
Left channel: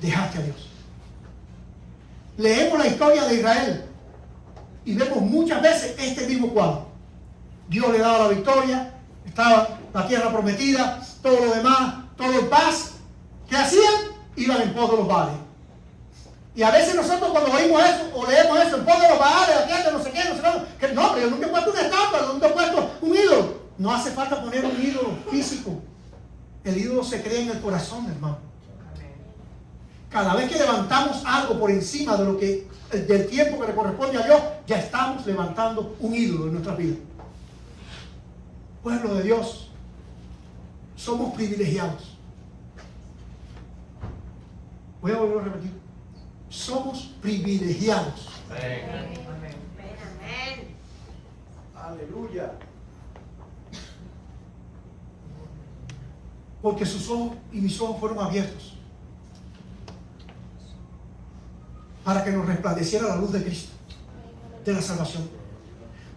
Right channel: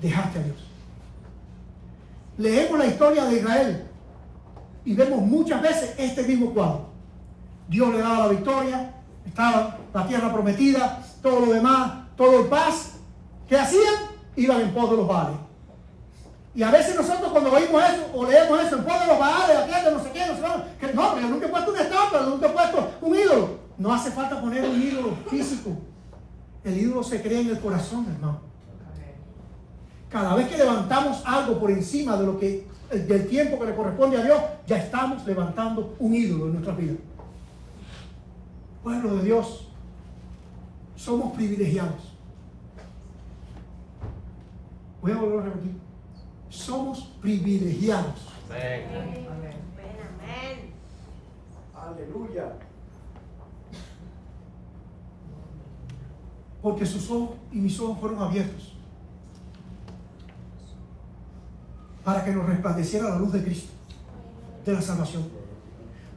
Dejaste a Dios. Leemos la historia de Israel y vemos muchas veces este mismo cuadro. Dios le daba la victoria, estaba la tierra prometida, todo lo demás, todo en paz. ¿Qué hacían? Iban en pos de los Baales. Y a veces nosotros cuando oímos eso, o leemos eso, en pos de los Baales, la tierra, no sé qué, que no, pero yo nunca he puesto una estampa, nunca he puesto un ídolo. No hace falta poner un ídolo físico. El ídolo se crea en el corazón, hermano. Cada vez que levantamos algo por encima de lo que del tiempo que le corresponde a Dios, ya estamos levantando un ídolo en nuestras vidas. Pueblo de Dios, somos privilegiados. Voy a volver a repetir. Somos privilegiados. Amén. Aleluya. Porque sus ojos y mis ojos fueron abiertos para que nos resplandeciera la luz de Cristo, de la salvación.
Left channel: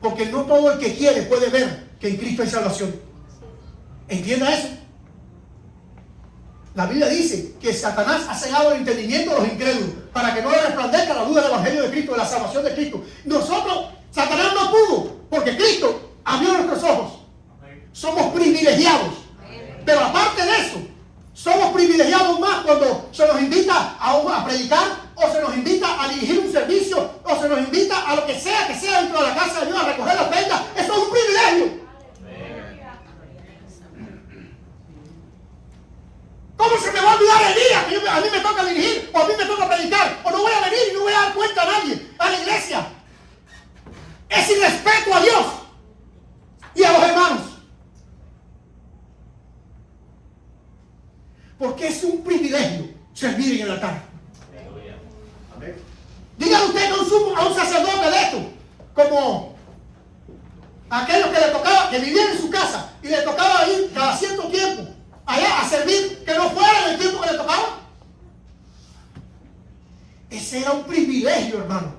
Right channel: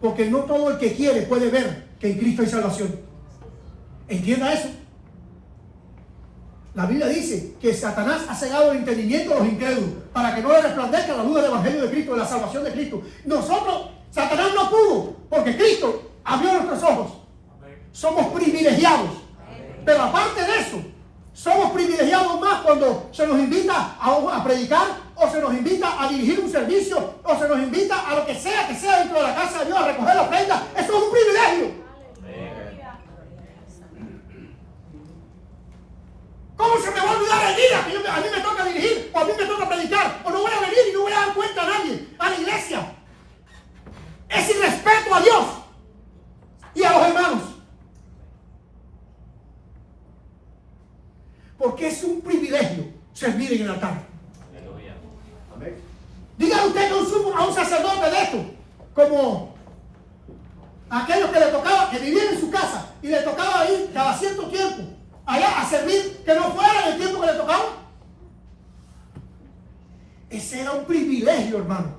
Porque no todo el que quiere puede ver que en Cristo hay salvación. ¿Entienda eso? La Biblia dice que Satanás ha cegado el entendimiento de los incrédulos para que no le resplandezca la luz del Evangelio de Cristo, de la salvación de Cristo. Nosotros, Satanás no pudo, porque Cristo abrió nuestros ojos. Somos privilegiados. Pero aparte de eso, somos privilegiados más cuando se nos invita a predicar, o se nos invita a dirigir un servicio, o se nos invita a lo que sea dentro de la casa de Dios, a recoger la ofrenda. Eso es un privilegio. ¿Cómo se me va a olvidar el día que a mí me toca dirigir, o a mí me toca predicar, o no voy a venir y no voy a dar cuenta a nadie, a la iglesia? Es irrespeto a Dios y a los hermanos. Porque es un privilegio servir en el altar. Dígale usted a un sacerdote de esto, como aquellos que le tocaba, que vivían en su casa y le tocaba ir cada cierto tiempo allá a servir, que no fuera el tiempo que le tocaba. Ese era un privilegio, hermano.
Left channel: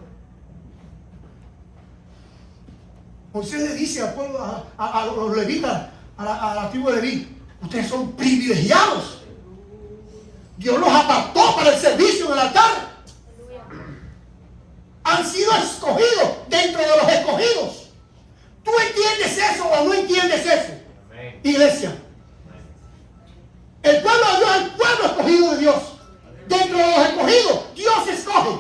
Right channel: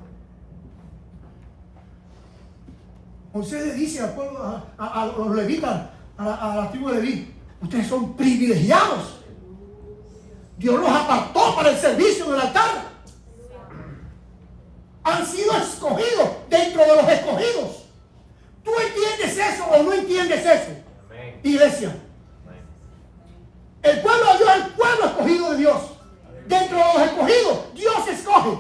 Moisés le dice al pueblo, a los levitas, a la tribu de Leví, ustedes son privilegiados. Dios los apartó para el servicio en el altar. Han sido escogidos dentro de los escogidos. ¿Tú entiendes eso o no entiendes eso? Amén. Iglesia. El pueblo de Dios es el pueblo escogido de Dios. Dentro de los escogidos, Dios escoge.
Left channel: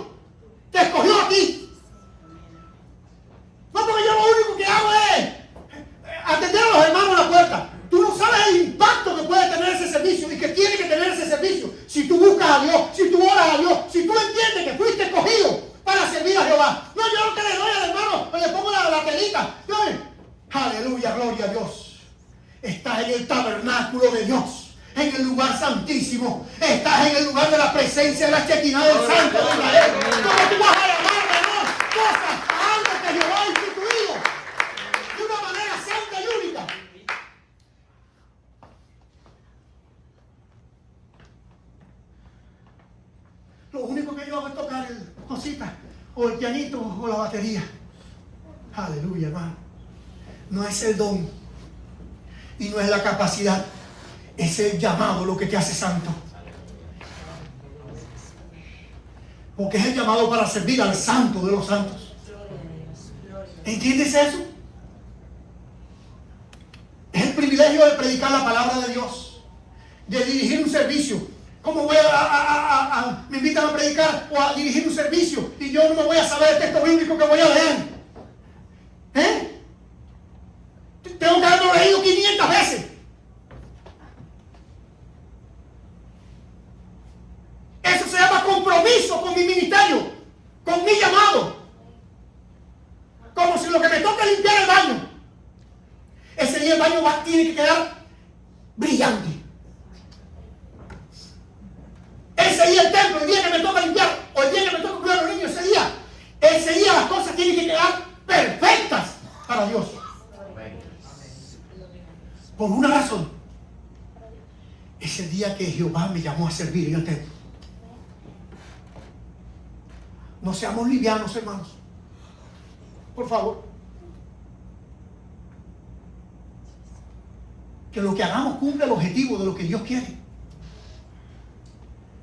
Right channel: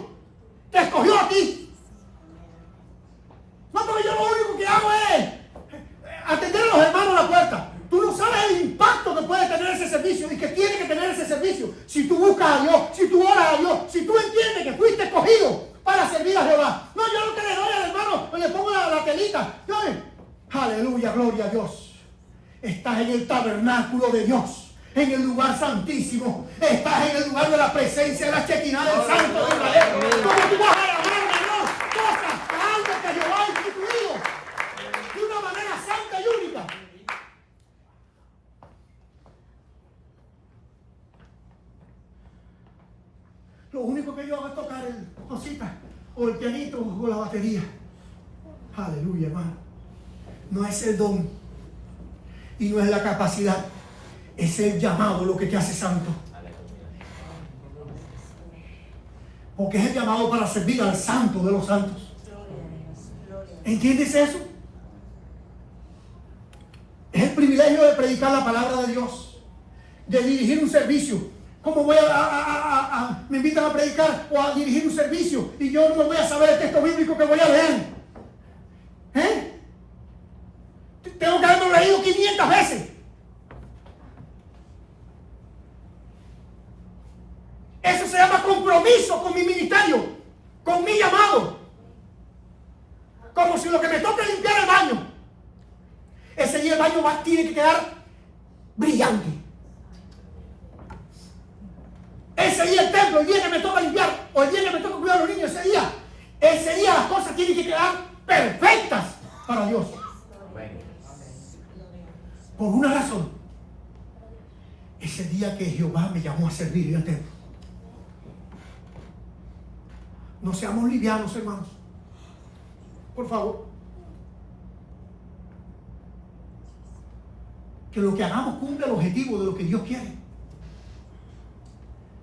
Te escogió a ti. No, porque yo lo único que hago es atender a los hermanos en la puerta. Tú no sabes el impacto que puede tener ese servicio y que tiene que tener ese servicio. Si tú buscas a Dios, si tú oras a Dios, si tú entiendes que fuiste escogido para servir a Jehová. No, yo lo que le doy al hermano, le pongo la telita. No, aleluya, gloria a Dios. Estás en el tabernáculo de Dios, en el lugar santísimo. Estás en el lugar de la presencia de la Shekinah del Santo de Israel. ¿Cómo tú vas a llamar, hermano, cosas a algo que Jehová ha instituido de una manera santa y única? Lo único que yo hago es tocar cositas, o el pianito, o la batería. Aleluya, hermano. No es el don, Y no es la capacidad, es el llamado lo que te hace santo. Porque es el llamado para servir al santo de los santos. ¿Entiendes eso? Es el privilegio de predicar la palabra de Dios, de dirigir un servicio. ¿Cómo voy me invitan a predicar o a dirigir un servicio y yo no voy a saber el texto bíblico que voy a leer? Tengo que haberlo leído 500 veces. Eso se llama compromiso con mi ministerio, con mi llamado. Como si lo que me toca es limpiar el baño. Ese día el baño tiene que quedar brillante. Ese día el templo, el día que me toca limpiar, o el día que me toca cuidar a los niños, ese día las cosas tienen que quedar perfectas para Dios. Por una razón. Es el día que Jehová me llamó a servir en el templo. No seamos livianos, hermanos. Por favor. Que lo que hagamos cumpla el objetivo de lo que Dios quiere.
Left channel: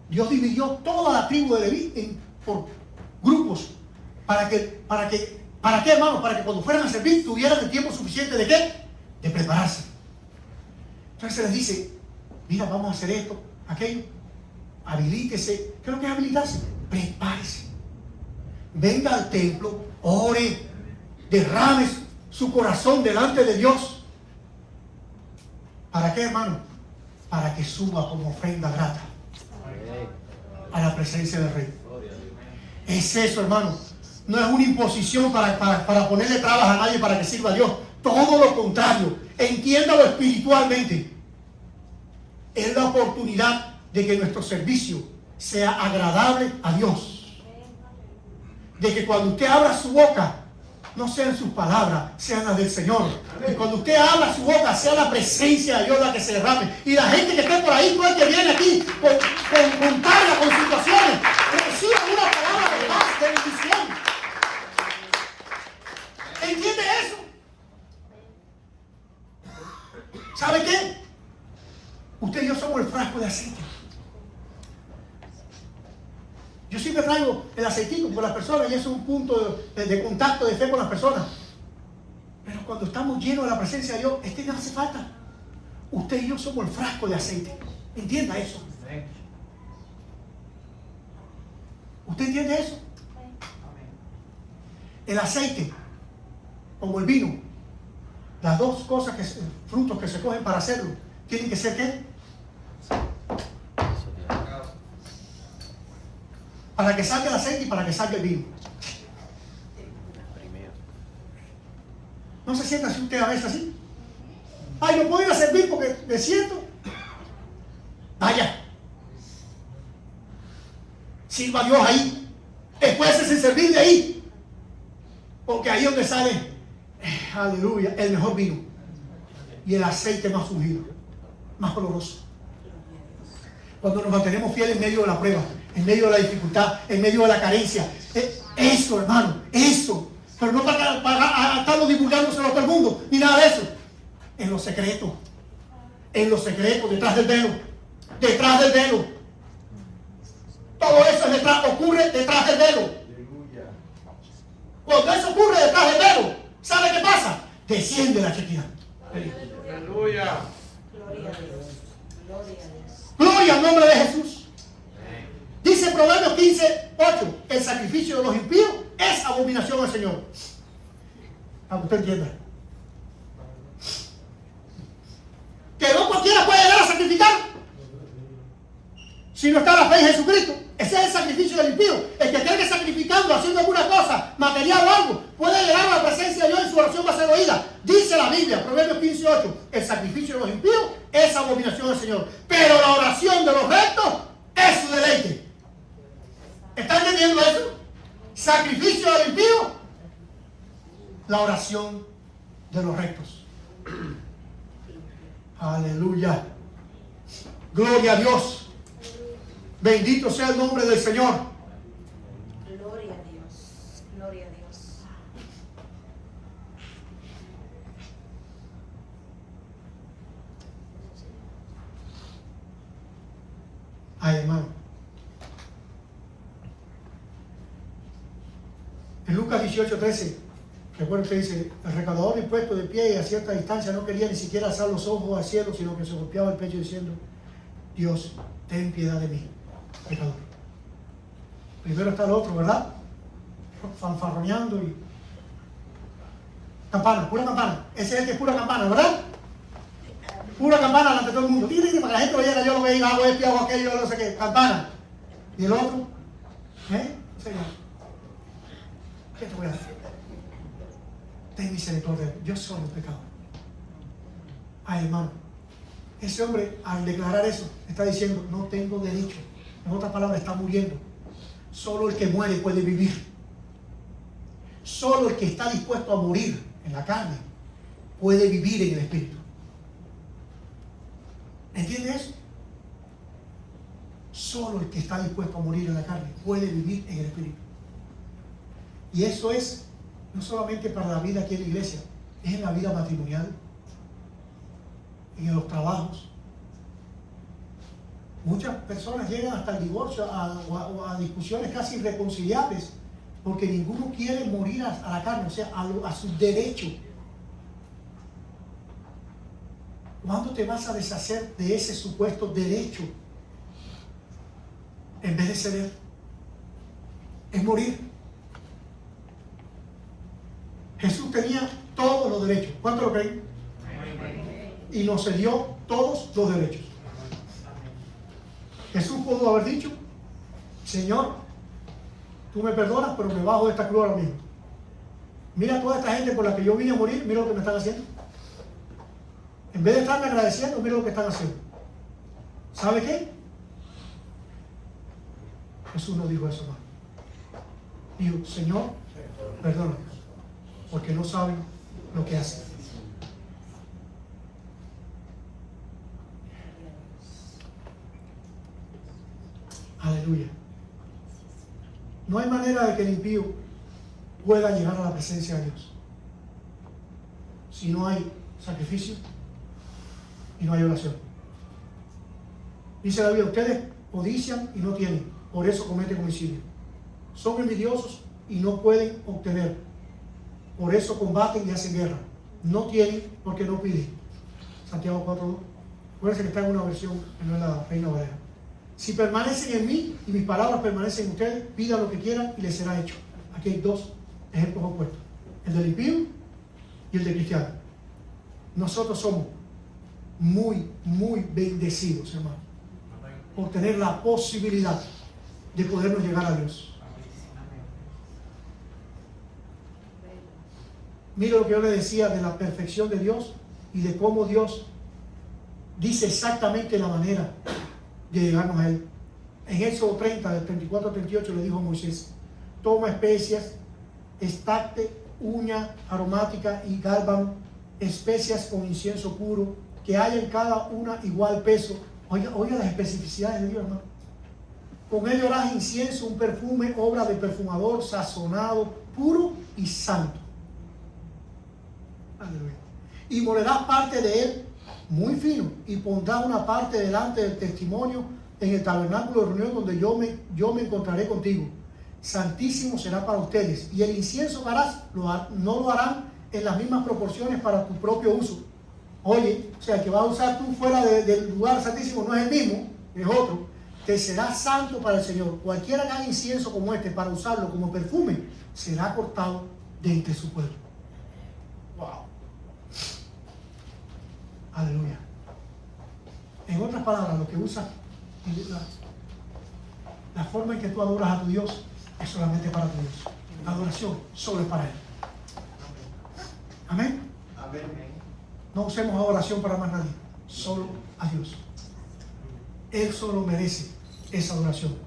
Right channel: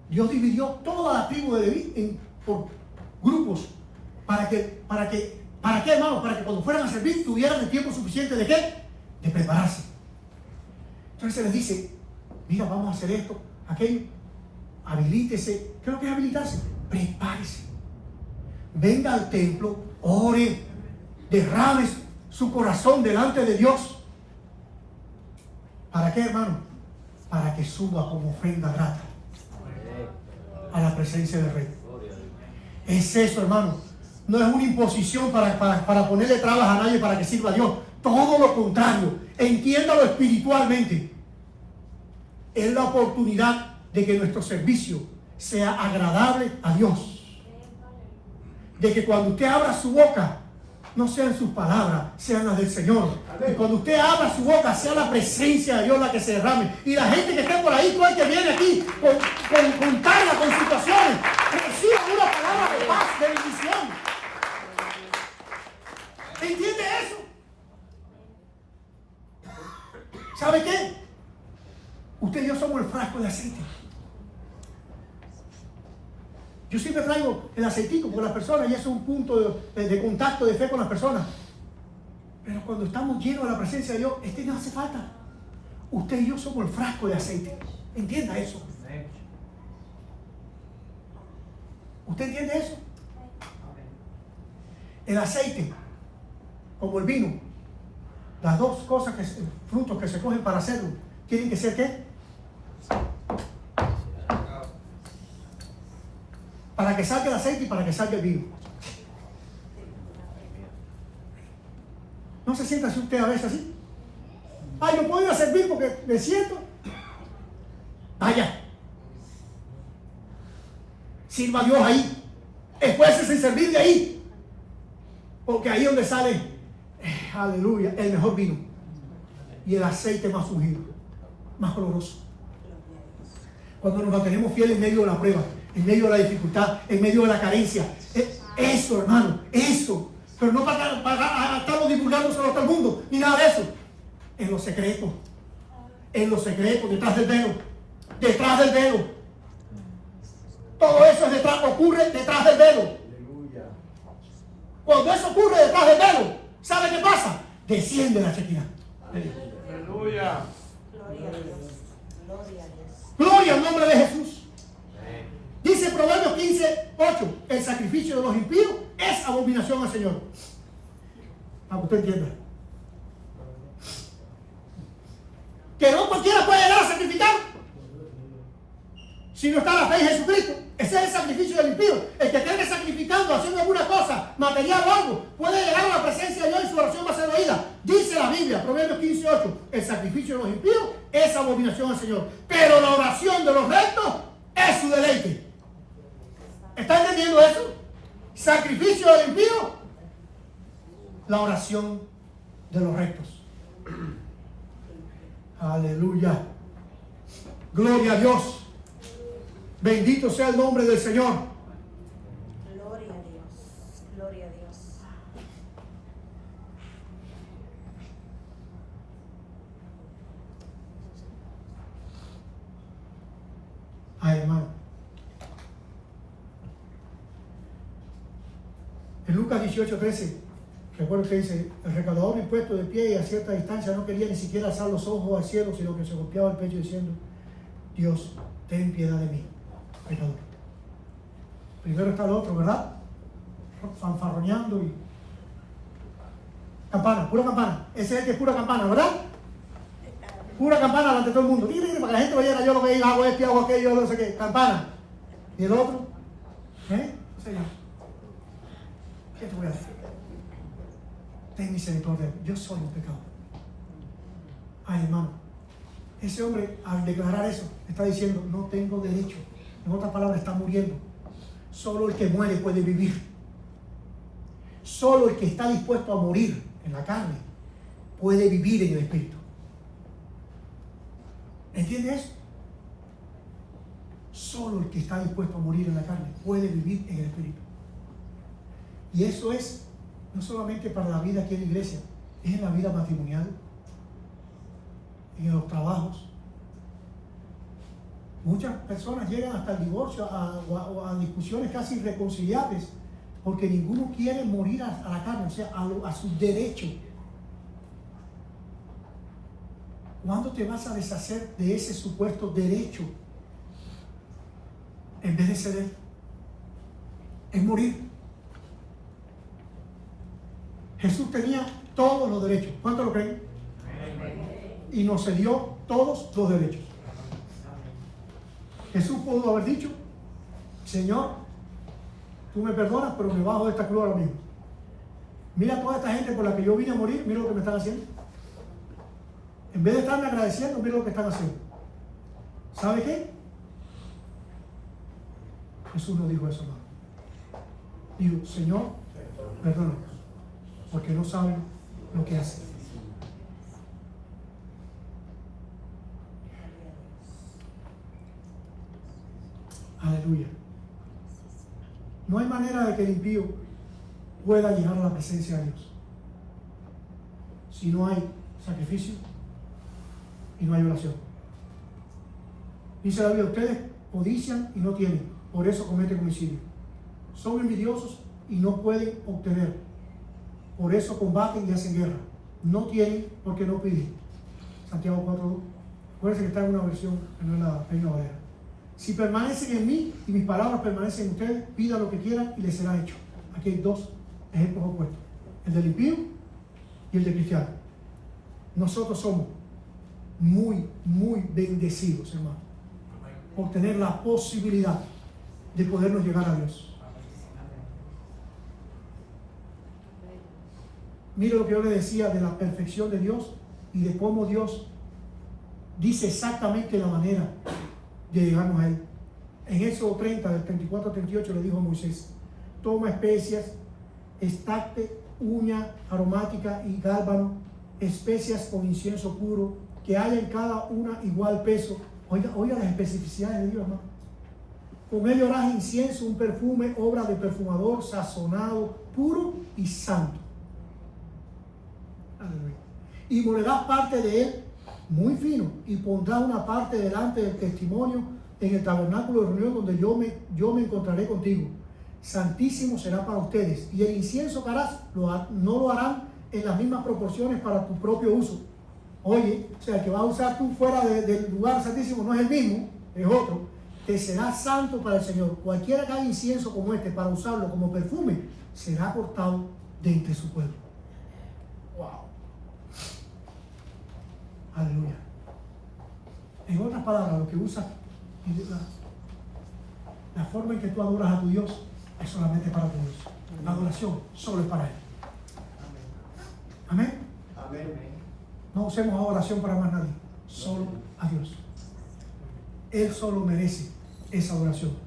Dios dividió toda la tribu de Leví por grupos. ¿Para qué, hermanos? Para que cuando fueran a servir tuvieran el tiempo suficiente de ¿qué? De prepararse. Entonces se les dice, mira, vamos a hacer esto, aquello. Habilítese. ¿Qué es lo que es habilitarse? Prepárese. Venga al templo, ore, derrame su corazón delante de Dios. ¿Para qué, hermano? Para que suba como ofrenda grata a la presencia del Rey. Es eso, hermano. No es una imposición para ponerle trabas a nadie para que sirva a Dios. Todo lo contrario. Entiéndalo espiritualmente. Es la oportunidad de que nuestro servicio sea agradable a Dios. De que cuando usted abra su boca, no sean sus palabras, sean las del Señor. Y cuando usted abra su boca, sea la presencia de Dios la que se derrame. Y la gente que esté por ahí, todo el que viene aquí con carga, con situaciones, reciba una palabra de paz, de bendición. ¿Entiende eso? ¿Sabe qué? Usted y yo somos el frasco de aceite. Yo siempre traigo el aceitico con las personas y eso es un punto de contacto, de fe con las personas. Pero cuando estamos llenos de la presencia de Dios, no hace falta. Usted y yo somos el frasco de aceite. Entienda eso. ¿Usted entiende eso? El aceite, como el vino, las dos cosas, frutos que se cogen para hacerlo, tienen que ser ¿qué? Para que salga el aceite y para que salga el vino. ¿No se sienta así usted a veces así? Ay, no puedo ir a servir porque me siento. Vaya. Sirva a Dios ahí. Esfuércese en servirle ahí. Porque ahí es donde sale, aleluya, el mejor vino. Y el aceite más ungido, más oloroso. Cuando nos mantenemos fieles en medio de la prueba, en medio de la dificultad, en medio de la carencia. Eso, hermano, eso. Pero no para estarlo divulgándoselo a todo el mundo, ni nada de eso. En lo secreto, detrás del velo. Detrás del velo. Todo eso ocurre detrás del velo. Cuando eso ocurre detrás del velo, ¿sabe qué pasa? Desciende la chequina. Aleluya. Gloria al nombre de Jesús. Dice Proverbios 15:8, el sacrificio de los impíos es abominación al Señor. Para que usted entienda. Que no cualquiera puede llegar a sacrificar si no está la fe en Jesucristo. Ese es el sacrificio del impío. El que tiene que sacrificando, haciendo alguna cosa, material o algo, puede llegar a la presencia de Dios y su oración va a ser oída. Dice la Biblia, Proverbios 15:8, el sacrificio de los impíos es abominación al Señor. Pero la oración de los rectos es su deleite. ¿Está entendiendo eso? Sacrificio del impío, la oración de los rectos. Aleluya. Gloria a Dios. Bendito sea el nombre del Señor. Gloria a Dios. Gloria a Dios. Ay, hermano. En Lucas 18:13, recuerdo que dice, el recaudador impuesto de pie y a cierta distancia no quería ni siquiera alzar los ojos al cielo, sino que se golpeaba el pecho diciendo, Dios, ten piedad de mí, pecador. Primero está el otro, ¿verdad? Fanfarroneando y... Campana, pura campana. Ese es el que es pura campana, ¿verdad? Pura campana delante de todo el mundo. Para que la gente oyera yo lo que diga, hago esto, hago aquello, no sé qué. Campana. ¿Y el otro? Señor, ¿qué te voy a hacer? Ten misericordia. Yo soy un pecador. Ay, hermano. Ese hombre, al declarar eso, está diciendo, no tengo derecho. En otras palabras, está muriendo. Solo el que muere puede vivir. Solo el que está dispuesto a morir en la carne puede vivir en el espíritu. ¿Entiendes eso? Solo el que está dispuesto a morir en la carne puede vivir en el espíritu. Y eso es no solamente para la vida aquí en la iglesia, es en la vida matrimonial, en los trabajos. Muchas personas llegan hasta el divorcio, a discusiones casi irreconciliables, porque ninguno quiere morir a la carne, o sea, a su derecho. ¿Cuándo te vas a deshacer de ese supuesto derecho? En vez de ceder, es morir. Jesús tenía todos los derechos. ¿Cuánto lo creen? Y nos cedió todos los derechos. Jesús pudo haber dicho, Señor, tú me perdonas, pero me bajo de esta cruz ahora mismo. Mira toda esta gente por la que yo vine a morir, mira lo que me están haciendo. En vez de estarme agradeciendo, mira lo que están haciendo. ¿Sabe qué? Jesús no dijo eso, hermano. Dijo, Señor, perdónanos, porque no saben lo que hacen. Aleluya. No hay manera de que el impío pueda llegar a la presencia de Dios si no hay sacrificio y no hay oración. Dice la Biblia, ustedes codician y no tienen, por eso cometen homicidio. Son envidiosos y no pueden obtener, por eso combaten y hacen guerra. No tienen porque no piden. Santiago 4:2. Acuérdense que está en una versión que no es la Reina Valera. Si permanecen en mí y mis palabras permanecen en ustedes, pidan lo que quieran y les será hecho. Aquí hay dos ejemplos opuestos, el del impío y el del cristiano. Nosotros somos muy, muy bendecidos, hermano, por tener la posibilidad de podernos llegar a Dios. Mira lo que yo le decía de la perfección de Dios y de cómo Dios dice exactamente la manera de llegarnos a Él. En Éxodo 30, del 34 al 38, le dijo Moisés, toma especias, estacte, uña aromática y gálbano, especias con incienso puro, que haya en cada una igual peso. Oiga las especificidades de Dios, hermano. Con ello harás incienso, un perfume, obra de perfumador, sazonado, puro y santo. Aleluya. Y molerás parte de él muy fino, y pondrás una parte delante del testimonio en el tabernáculo de reunión donde yo me encontraré contigo. Santísimo será para ustedes. Y el incienso que harás no lo harán en las mismas proporciones para tu propio uso. Oye, o sea, que vas a usar tú fuera del lugar santísimo no es el mismo, es otro. Te será santo para el Señor. Cualquiera que haga incienso como este para usarlo como perfume será cortado de entre su pueblo. Wow. Aleluya. En otras palabras, lo que usas, la forma en que tú adoras a tu Dios es solamente para tu Dios. La adoración solo es para Él. Amén. Amén. No usemos adoración para más nadie, solo a Dios. Él solo merece esa adoración.